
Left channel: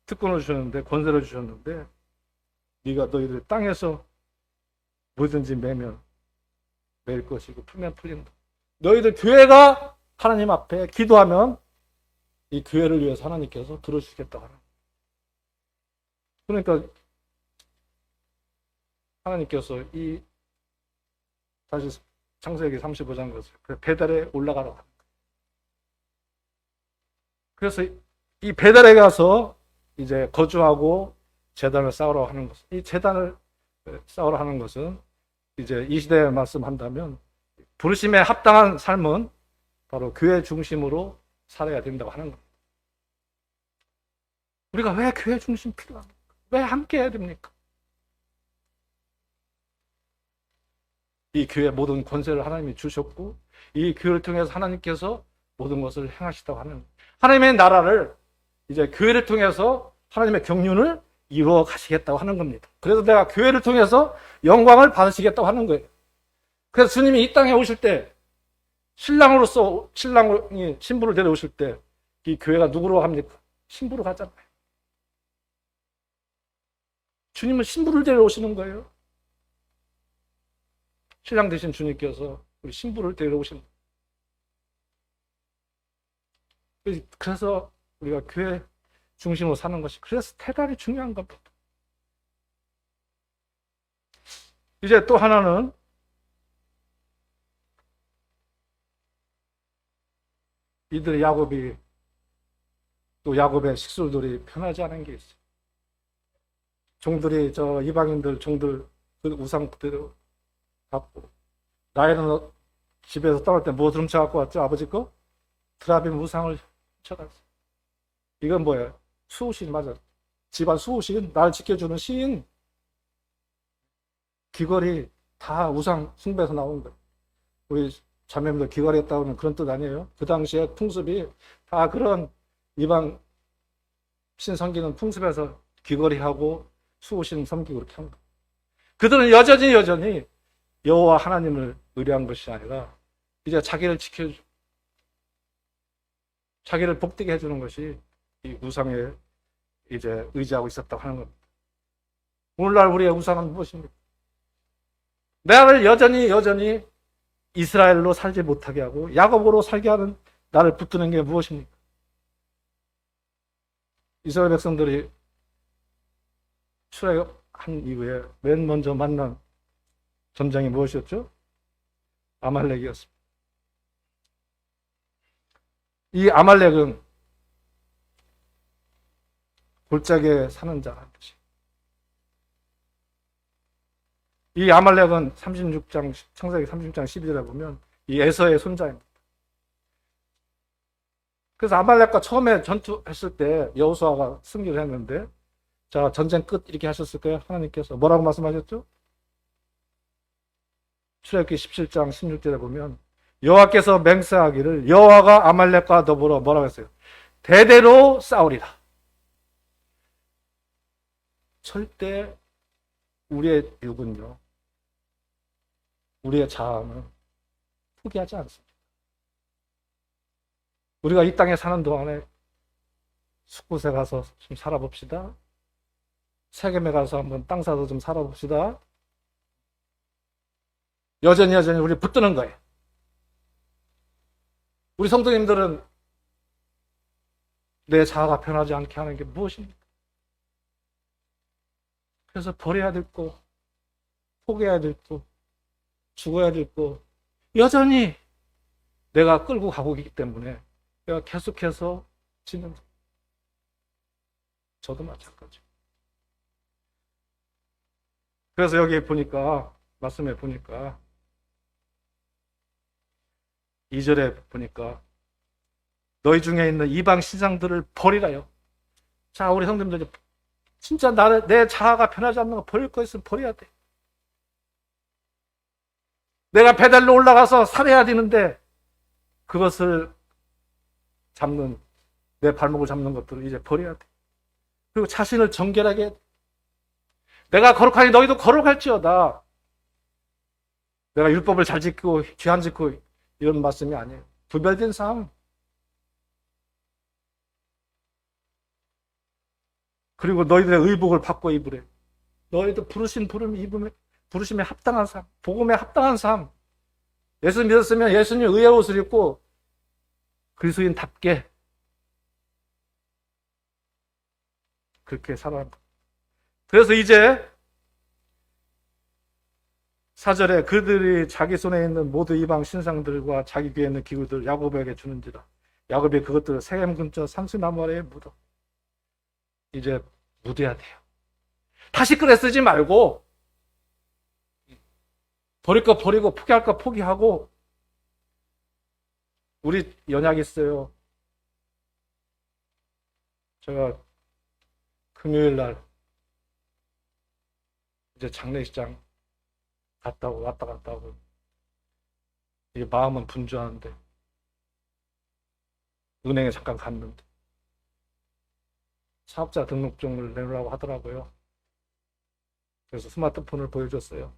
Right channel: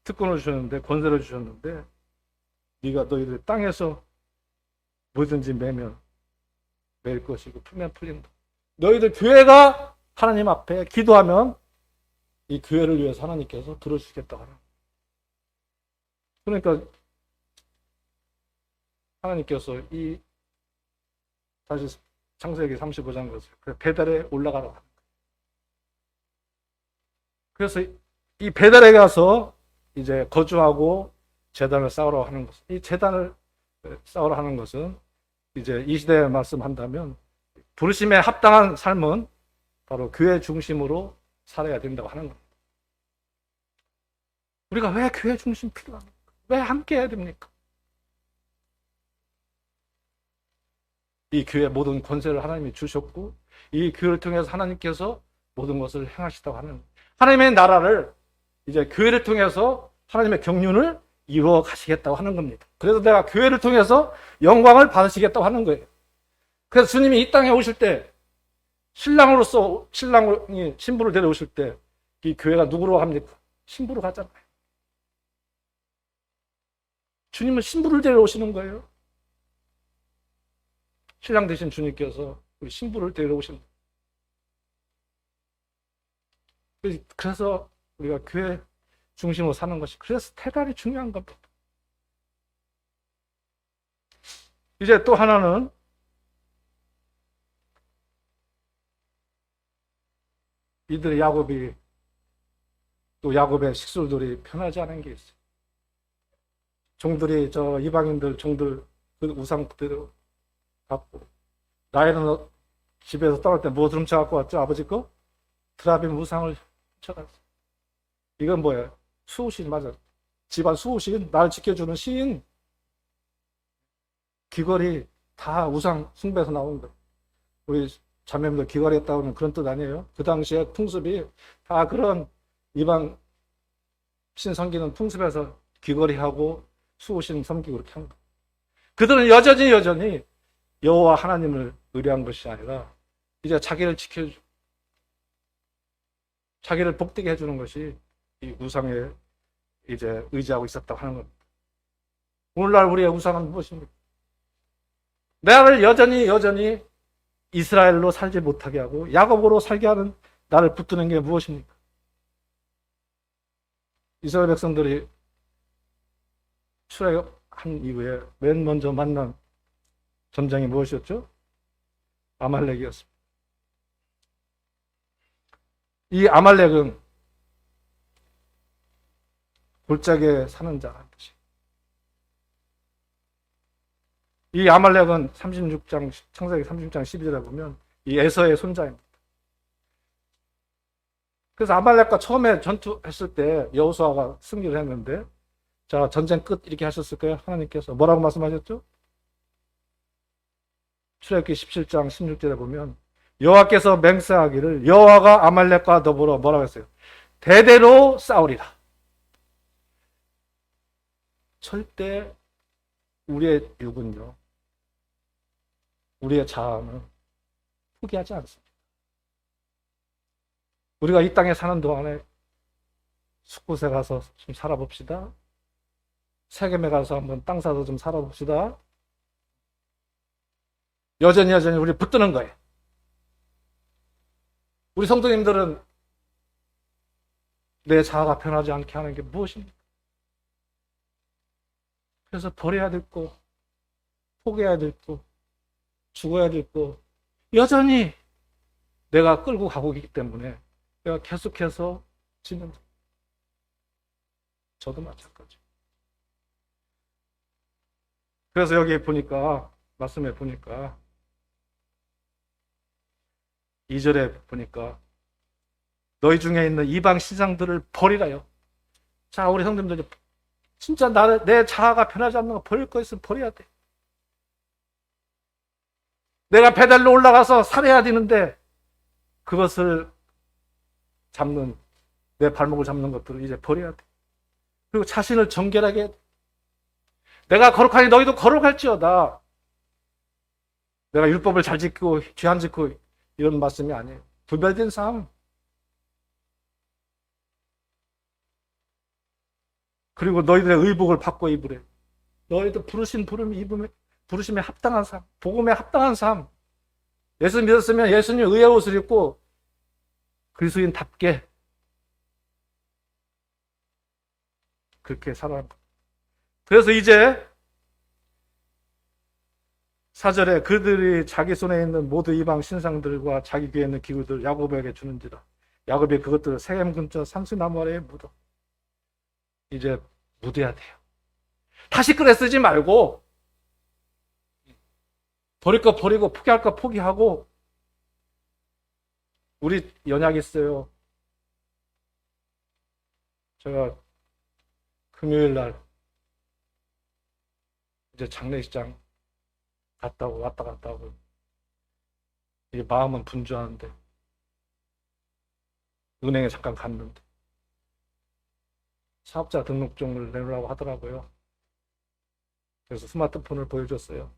특권을 주셨는데, 권세를 주셨는데, 네가 너희들 땅에서 뭐든지 매면 매일 것이고 풀면 풀린다. 너희들 교회가 하나님 앞에 기도하면 이 교회를 위해서 하나님께서 들어주시겠다고 하는 거예요. 그러니까 하나님께서 이 다시 창세기 35장 것을 베델에 올라가라고 하는 거예요. 그래서 이 베델에 가서 이제 거주하고 제단을 쌓으러 하는 것은, 이 제단을 쌓으러 하는 것은 이제 이 시대에 말씀한다면 부르심에 합당한 삶은 바로 교회 중심으로 살아야 된다고 하는 겁니다. 우리가 왜 교회 중심 필요합니까? 왜 함께 해야 됩니까? 이 교회 모든 권세를 하나님이 주셨고 이 교회를 통해서 하나님께서 모든 것을 행하시다고 하는 하나님의 나라를 이제 교회를 통해서 하나님의 경륜을 이루어 가시겠다고 하는 겁니다. 그래서 내가 교회를 통해서 영광을 받으시겠다고 하는 거예요. 그래서 주님이 이 땅에 오실 때 신랑으로서 신랑이 신부를 데려오실 때 이 교회가 누구로 합니까? 신부로 가잖아요. 주님은 신부를 데려오시는 거예요. 신랑 되신 주님께서 우리 신부를 데려오시는 거예요. 그래서 우리가 교회 중심으로 사는 것이 그래서 태갈이 중요한가 봐. 이제 또 하나는 이들 야곱이 또 야곱의 식솔들이 편하지 않은 게 있어요. 종들이 저 이방인들 종들 그 우상 그대로 갖고 나이는 집에서 떠날 때 뭐 훔쳐갖고 왔죠? 아버지 거? 드라빔 우상을 훔쳐갔어. 이건 뭐예요? 수호신 맞아. 집안 수호신, 날 지켜주는 신. 귀걸이 다 우상 숭배에서 나온 거예요. 우리 자매들 귀걸이 했다고 하면 그런 뜻 아니에요? 그 당시에 풍습이 다 그런 이방 신 섬기는 풍습에서 귀걸이하고 수호신 섬기고 이렇게 한 거예요. 그들은 여전히 여호와 하나님을 의뢰한 것이 아니라 이제 자기를 지켜주 자기를 복되게 해주는 것이 이 우상에 이제 의지하고 있었다고 하는 겁니다. 오늘날 우리의 우상은 무엇입니까? 나를 여전히 이스라엘로 살지 못하게 하고 야곱으로 살게 하는 나를 붙드는 게 무엇입니까? 이스라엘 백성들이 출애굽한 이후에 맨 먼저 만난 전쟁이 무엇이었죠? 아말렉이었습니다. 이 아말렉은 골짜기에 사는 자. 이 아말렉은 36장, 창세기 36장 12절에 보면 이 에서의 손자입니다. 그래서 아말렉과 처음에 전투했을 때 여호수아가 승리를 했는데 자, 전쟁 끝 이렇게 하셨을 거예요. 하나님께서 뭐라고 말씀하셨죠? 출애굽기 17장 16절에 보면 여호와께서 맹세하기를 여호와가 아말렉과 더불어 뭐라고 했어요? 대대로 싸우리라. 절대 우리의 육은요, 우리의 자아는 포기하지 않습니다. 우리가 이 땅에 사는 동안에 숲곳에 가서 좀 살아봅시다. 세겜에 가서 한번 땅 사서 좀 살아봅시다. 여전히 우리 붙드는 거예요. 우리 성도님들은 내 자아가 변하지 않게 하는 게 무엇입니까? 그래서 버려야 될 거, 포기해야 될 거, 죽어야 될 거, 여전히 내가 끌고 가고 있기 때문에 내가 계속해서 지는 저도 마찬가지. 그래서 여기 보니까 말씀해 보니까 2절에 보니까 너희 중에 있는 이방 신상들을 버리라요. 자, 우리 성도님들이 진짜 내 자아가 변하지 않는 거 버릴 거 있으면 버려야 돼. 내가 배달로 올라가서 살해야 되는데 그것을 잡는 내 발목을 잡는 것들을 이제 버려야 돼. 그리고 자신을 정결하게 내가 거룩하니 너희도 거룩할지어다. 내가 율법을 잘 지키고 죄 안 지키고 이런 말씀이 아니에요. 구별된 삶. 그리고 너희들의 의복을 바꿔 입으래. 너희도 부르신 부르심에 합당한 삶, 복음에 합당한 삶. 예수 믿었으면 예수님 의의 옷을 입고 그리스도인답게 그렇게 살아가는 것. 그래서 이제 4절에 그들이 자기 손에 있는 모두 이방 신상들과 자기 귀에 있는 기구들 야곱에게 주는지라. 야곱이 그것들을 세겜 근처 산수나무에 묻어. 이제 묻어야 돼요. 다시 꺼내 쓰지 말고 버릴 거 버리고 포기할 거 포기하고. 우리 연약 있어요. 제가 금요일 날 이제 장례식장 왔다 갔다 하고 이 마음은 분주한데 은행에 잠깐 갔는데 사업자 등록증을 내놓으라고 하더라고요. 그래서 스마트폰을 보여줬어요.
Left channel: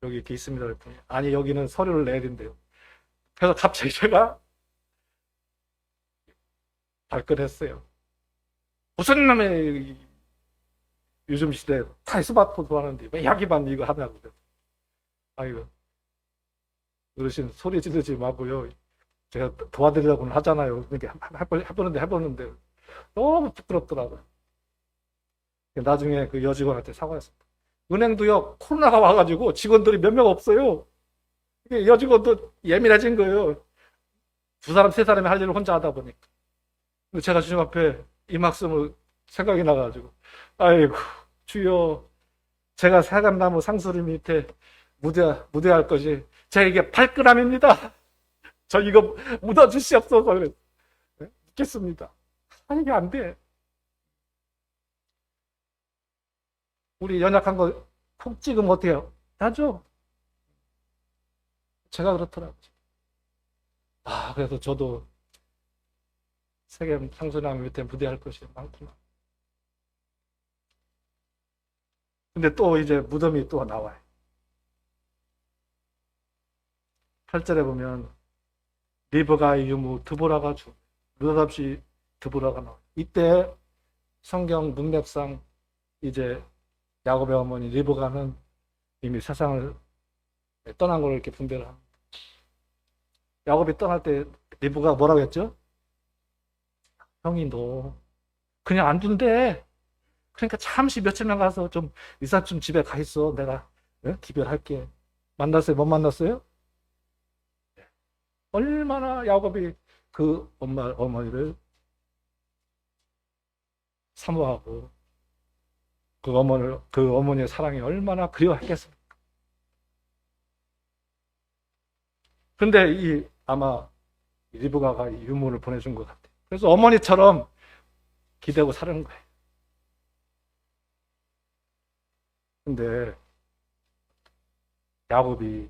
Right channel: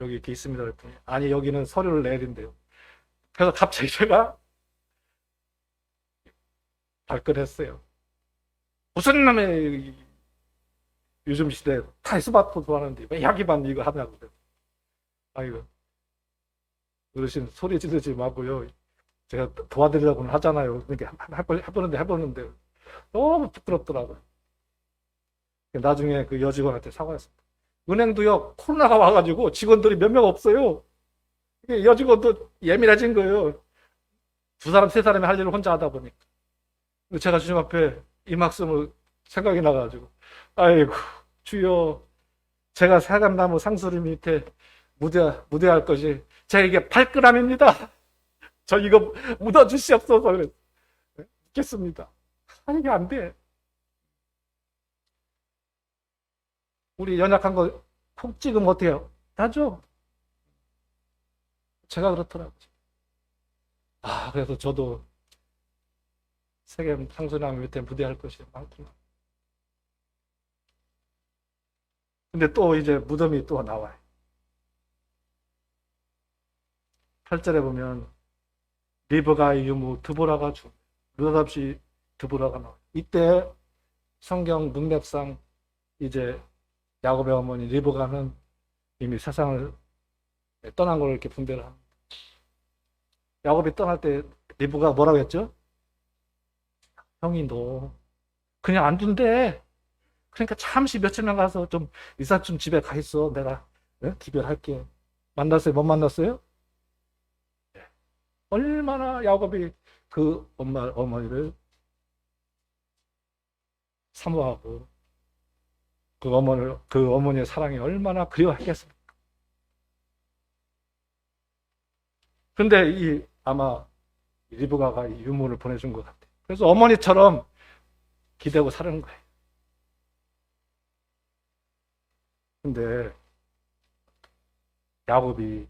여기 이렇게 있습니다. 그랬더니 아니 여기는 서류를 내린대요. 그래서 갑자기 제가 발끈했어요. 무슨 놈의 요즘 시대에 다 스마트폰 하는데 왜 야기만 이거 하냐고. 아이고 어르신 소리 지르지 마고요. 제가 도와드리려고는 하잖아요. 그러니까 해보는데 너무 부끄럽더라고요. 나중에 그 여직원한테 사과했습니다. 은행도요 코로나가 와가지고 직원들이 몇 명 없어요. 여직원도 예민해진 거예요. 두 사람 세 사람이 할 일을 혼자 하다 보니까. 근데 제가 주님 앞에 이 말씀을 생각이 나가지고 아이고 주여 제가 사감나무 상수리 밑에 무대할 것이 제가 이게 8g입니다. 저 이거 묻어주시옵소서. 묻겠습니다. 아 이게 안 돼. 우리 연약한 거 푹 찍으면 어때요? 나죠? 제가 그렇더라고요. 아 그래서 저도 세계 상수나무 밑에 무대할 것이 많구나. 근데 또 이제 무덤이 또 나와요. 8절에 보면 리브가 유무 드보라가 죽 느닷없이 드보라가 나와. 이때 성경 문맥상 이제 야곱의 어머니 리브가는 이미 세상을 떠난 걸 이렇게 분별을 합니다. 야곱이 떠날 때 리브가 뭐라고 했죠? 형이 너 그냥 안 둔대. 그러니까 잠시 며칠만 가서 좀 이삿짐 집에 가 있어. 내가 기별할게. 만났어요? 못 만났어요? 얼마나 야곱이 그 어머니를 사모하고 그 어머니의 사랑이 얼마나 그리워하겠습니까? 그런데 아마 리브가가 이 유물을 보내준 것 같아요. 그래서 어머니처럼 기대고 사는 거예요. 근데 야곱이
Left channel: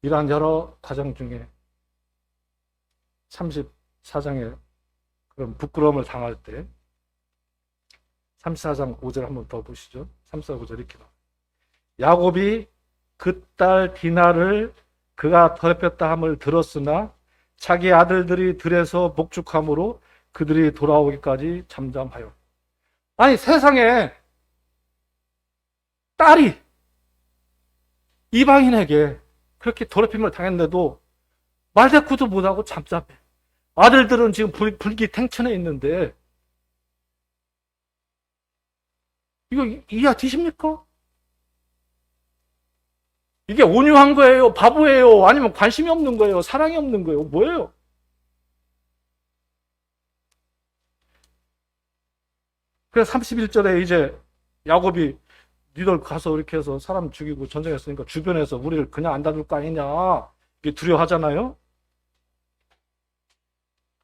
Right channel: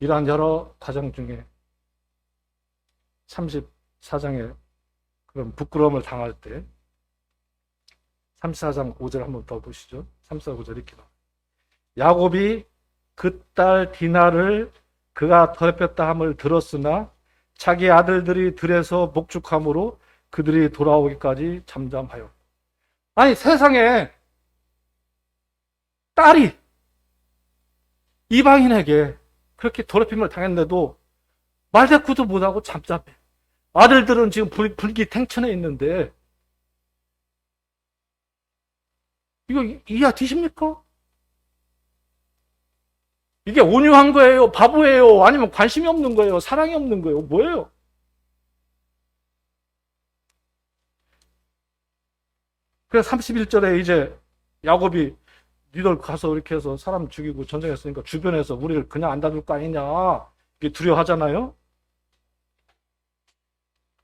이러한 여러 과정 중에 34장에 그런 부끄러움을 당할 때 34장 5절 한번 더 보시죠. 34, 5절 이렇게 나와요. 야곱이 그 딸 디나를 그가 더럽혔다 함을 들었으나 자기 아들들이 들에서 목축함으로 그들이 돌아오기까지 잠잠하여. 아니 세상에 딸이 이방인에게 그렇게 더럽힘을 당했는데도 말대꾸도 못하고 잠잠해. 아들들은 지금 불기탱천에 있는데 이거 이해 되십니까? 이게 온유한 거예요? 바보예요? 아니면 관심이 없는 거예요? 사랑이 없는 거예요? 뭐예요? 그래서 31절에 이제 야곱이 니들 가서 이렇게 해서 사람 죽이고 전쟁했으니까 주변에서 우리를 그냥 안 다룰 거 아니냐 이게 두려워하잖아요.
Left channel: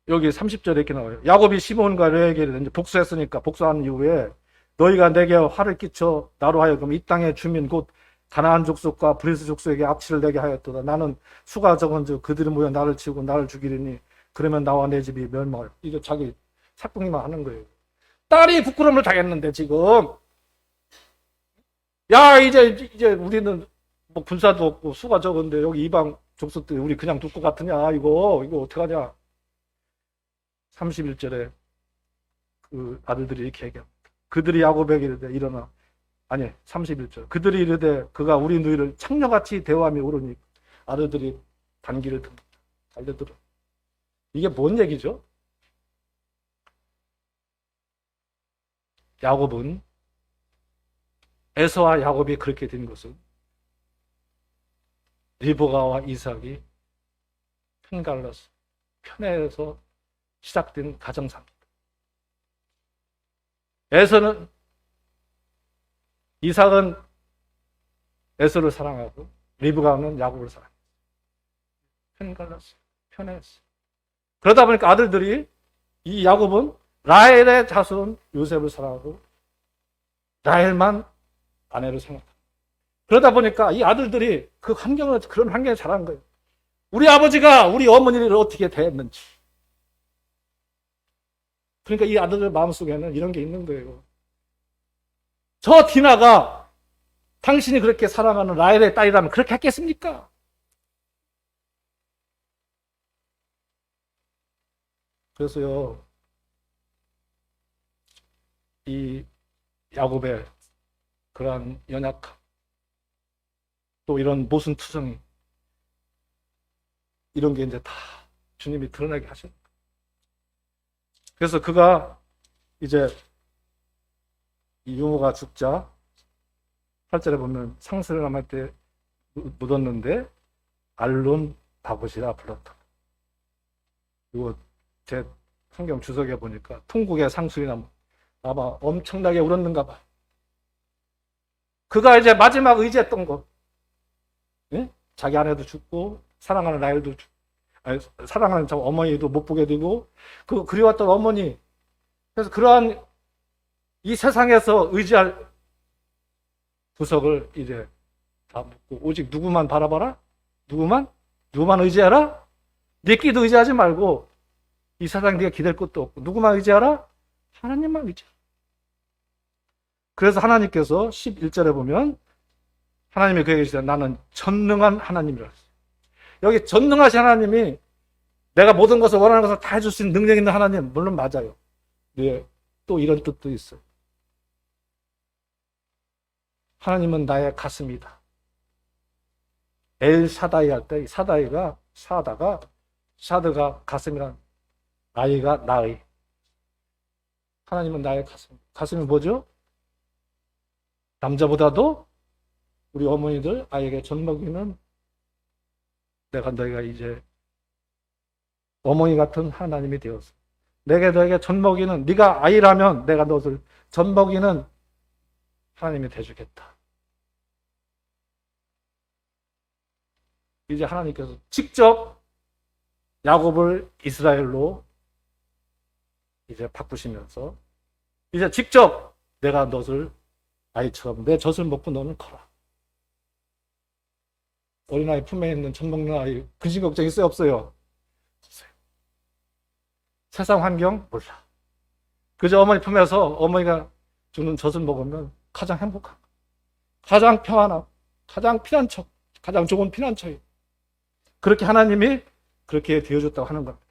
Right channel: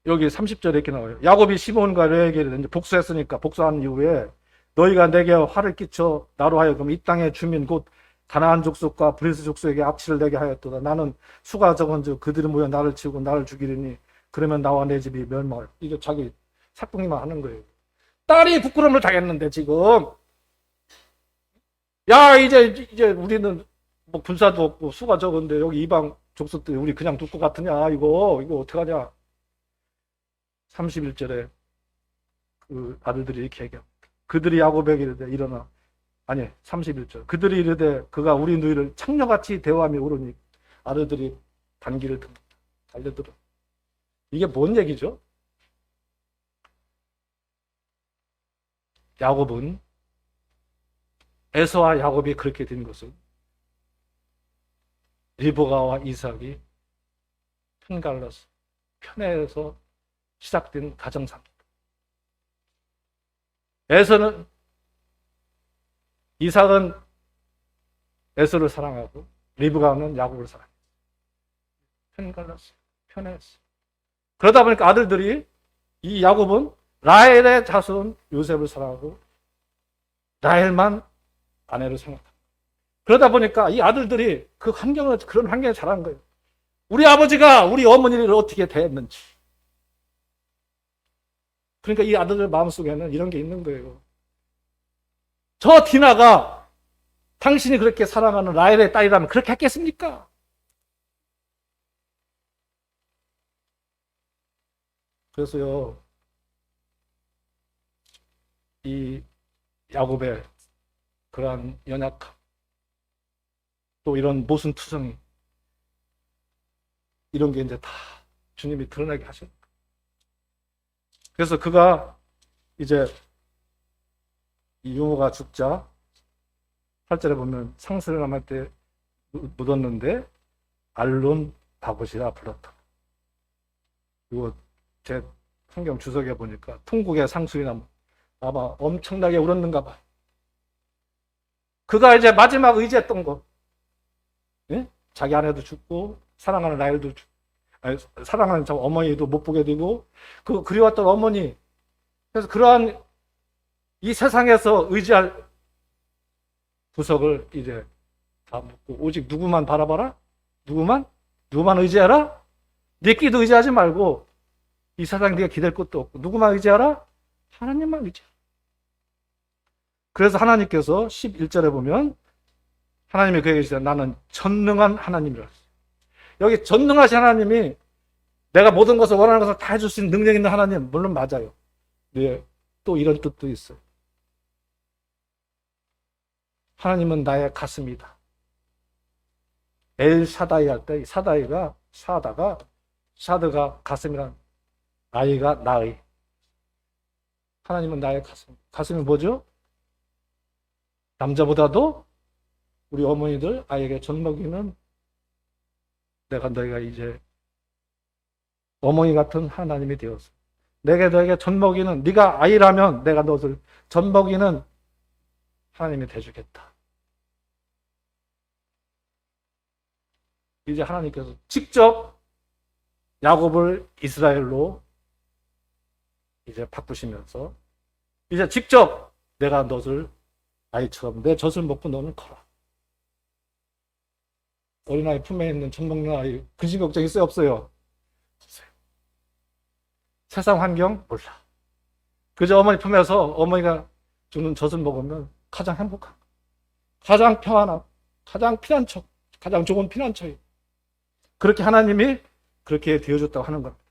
여기 30절에 이렇게 나와요. 야곱이 시몬과 레에게 복수했으니까 복수한 이후에 너희가 내게 화를 끼쳐 나로 하여금 이 땅의 주민 곧 가나안 족속과 브리스 족속에게 악취를 내게 하였도다. 나는 수가 적은즉 그들이 모여 나를 치고 나를 죽이리니 그러면 나와 내 집이 멸망할. 이게 자기 사뿐히만 하는 거예요. 딸이 부끄러움을 당했는데 지금 야 이제 우리는 뭐 군사도 없고 수가 적은데 여기 이방 족속들이 우리 그냥 둘 것 같으냐 이거 어떡하냐. 31절에 그 아들들이 이렇게 얘기합니다. 그들이 야곱에게 이르되 일어나. 아니 31절 그들이 이르되 그가 우리 누이를 창녀같이 대화하며 울으니 아들들이 단기를 듭니다. 달려들어. 이게 뭔 얘기죠? 야곱은 에서와 야곱이 그렇게 된 것은 리브가와 이삭이 편갈라서 편애해서 시작된 가정사입니다. 에서는 이삭은 에서를 사랑하고 리브가는 야곱을 사랑해요. 편갈랐어요. 편애했어요. 그러다 보니까 아들들이 이 야곱은 라헬의 자손 요셉을 사랑하고 라헬만 아내를 사랑합니다. 그러다 보니까 이 아들들이 그런 환경에 자란 거예요. 우리 아버지가 우리 어머니를 어떻게 대했는지. 그러니까 이 아들들 마음속에는 이런 게 있는 거예요. 저 디나가 당신이 그렇게 사랑하는 라헬의 딸이라면 그렇게 했겠습니까? 그래서요, 이 야곱의 그러한 연약함, 또 이런 모순투성이, 이런 게 이제 다 주님이 드러나게 하십니다. 그래서 그가 이제 이 유모가 죽자 8절에 보면 상스를 남을 때 묻었는데 알론 바봇이라 불렀다. 그리고 제 성경 주석에 보니까 통곡의 상수리 나무 아마 엄청나게 울었는가 봐. 그가 이제 마지막 의지했던 것, 예? 자기 아내도 죽고 사랑하는 라헬도 죽고, 아니, 사랑하는 참 어머니도 못 보게 되고 그 그리웠던 어머니. 그래서 그러한 이 세상에서 의지할 구석을 이제 다 묻고 오직 누구만 바라봐라? 누구만 의지하라? 네 끼도 의지하지 말고 이 세상 네가 기댈 것도 없고 누구만 의지하라? 하나님만 의지하라. 그래서 하나님께서 11절에 보면 하나님이 그에게 이르시되 나는 전능한 하나님이라. 여기 전능하신 하나님이 내가 모든 것을 원하는 것을 다 해줄 수 있는 능력 있는 하나님, 물론 맞아요. 네, 또 이런 뜻도 있어요. 하나님은 나의 가슴이다. 엘 사다이 할 때 사다이가 샤드가 가슴이란 아이가 나의. 하나님은 나의 가슴. 가슴이 뭐죠? 남자보다도 우리 어머니들 아이에게 젖먹이는 내가 너희가 이제 어머니 같은 하나님이 되었어. 내게 너에게 젖먹이는 네가 아이라면 내가 너를 젖먹이는 하나님이 되주겠다. 이제 하나님께서 직접 야곱을 이스라엘로 이제 바꾸시면서 이제 직접 내가 너를 아이처럼 내 젖을 먹고 너는 커라. 어린아이 품에 있는 젖 먹는 아이 근심 걱정 있어요 없어요? 없어요. 세상 환경 몰라. 그저 어머니 품에서 어머니가 주는 젖을 먹으면 가장 행복한 거. 가장 평안함. 가장 피난처. 가장 좋은 피난처예요. 그렇게 하나님이 그렇게 되어줬다고 하는 겁니다.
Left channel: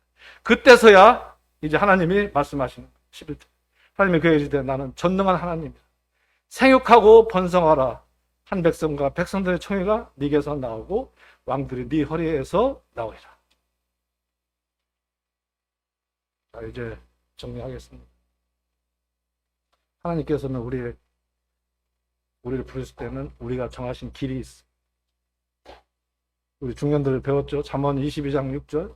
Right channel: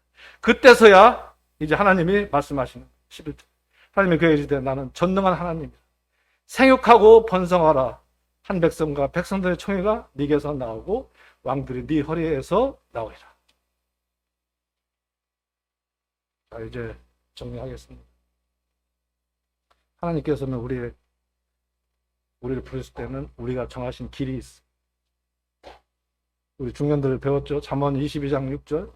그때서야 이제 하나님이 말씀하시는 11절. 하나님이 그에게 이르시되 나는 전능한 하나님이다. 생육하고 번성하라. 한 백성과 백성들의 총회가 네게서 나오고 왕들이 네 허리에서 나오리라. 자, 이제 정리하겠습니다. 하나님께서는 우리를 부르실 때는 우리가 정하신 길이 있어. 우리 중년들을 배웠죠. 잠언 22장 6절.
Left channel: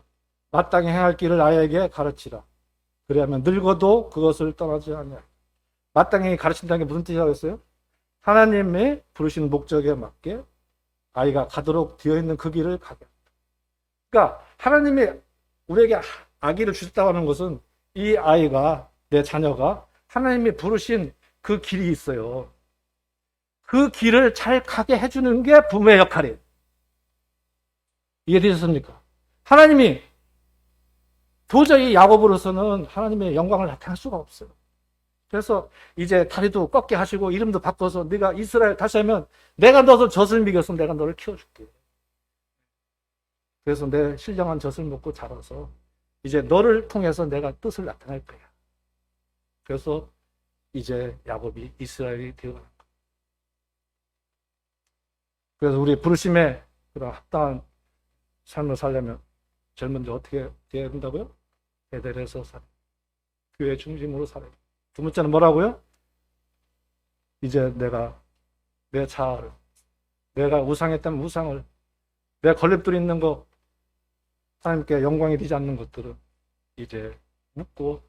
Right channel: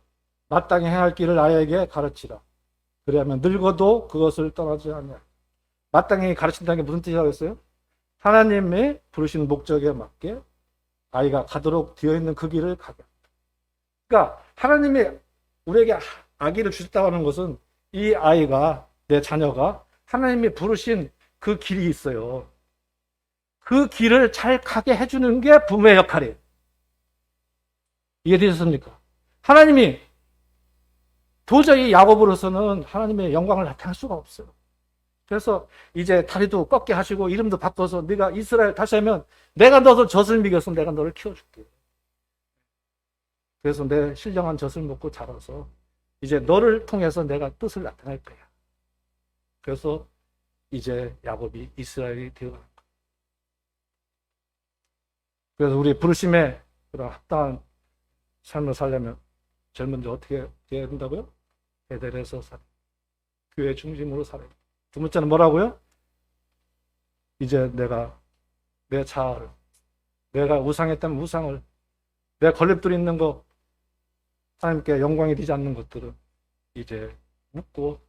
마땅히 행할 길을 아이에게 가르치라. 그러면 늙어도 그것을 떠나지 않냐. 마땅히 가르친다는 게 무슨 뜻이라고 했어요? 하나님의 부르시는 목적에 맞게 아이가 가도록 되어 있는 그 길을 가게. 그러니까 하나님이 우리에게 아기를 주셨다고 하는 것은 이 아이가, 내 자녀가 하나님이 부르신 그 길이 있어요. 그 길을 잘 가게 해주는 게 부모의 역할이에요. 이해되셨습니까? 하나님이 도저히 야곱으로서는 하나님의 영광을 나타낼 수가 없어요. 그래서 이제 다리도 꺾게 하시고 이름도 바꿔서 네가 이스라엘 다시 하면 내가 너도 젖을 먹여서 내가 너를 키워줄게. 그래서 내 신령한 젖을 먹고 자라서 이제 너를 통해서 내가 뜻을 나타낼 거야. 그래서 이제 야곱이 이스라엘이 되어가는 거야. 그래서 우리 부르심에 그런 합당한 삶을 살려면 젊은들 어떻게 해야 된다고요? 베델에서 살아. 교회 중심으로 살아. 두 번째는 뭐라고요? 이제 내가 내 자아를, 내가 우상했다면 우상을, 내 걸림돌 있는 거, 하나님께 영광이 되지 않는 것들은 이제 묻고.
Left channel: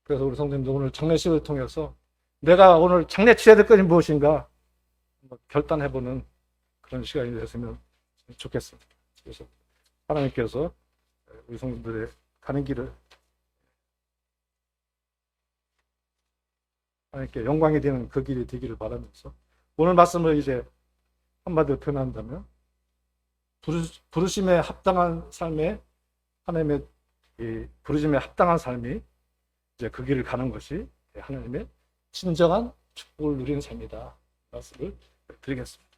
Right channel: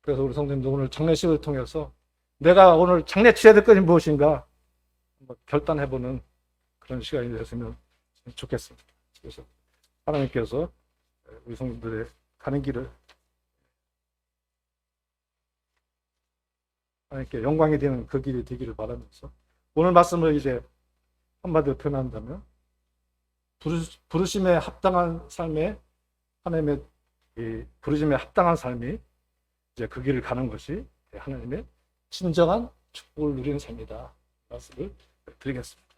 그래서 우리 성도님도 오늘 장례식을 통해서 내가 오늘 장례 치러야 될 것이 무엇인가 결단해보는 그런 시간이 됐으면 좋겠습니다. 그래서 하나님께서 우리 성도들의 가는 길을 하나님께 영광이 되는 그 길이 되기를 바라면서 오늘 말씀을 이제 한마디로 표현한다면 부르심에 합당한 삶에 하나님의 이 부르심에 합당한 삶이 이제 그 길을 가는 것이 하나님의 진정한 축복을 누리는 삶이다. 말씀을 드리겠습니다.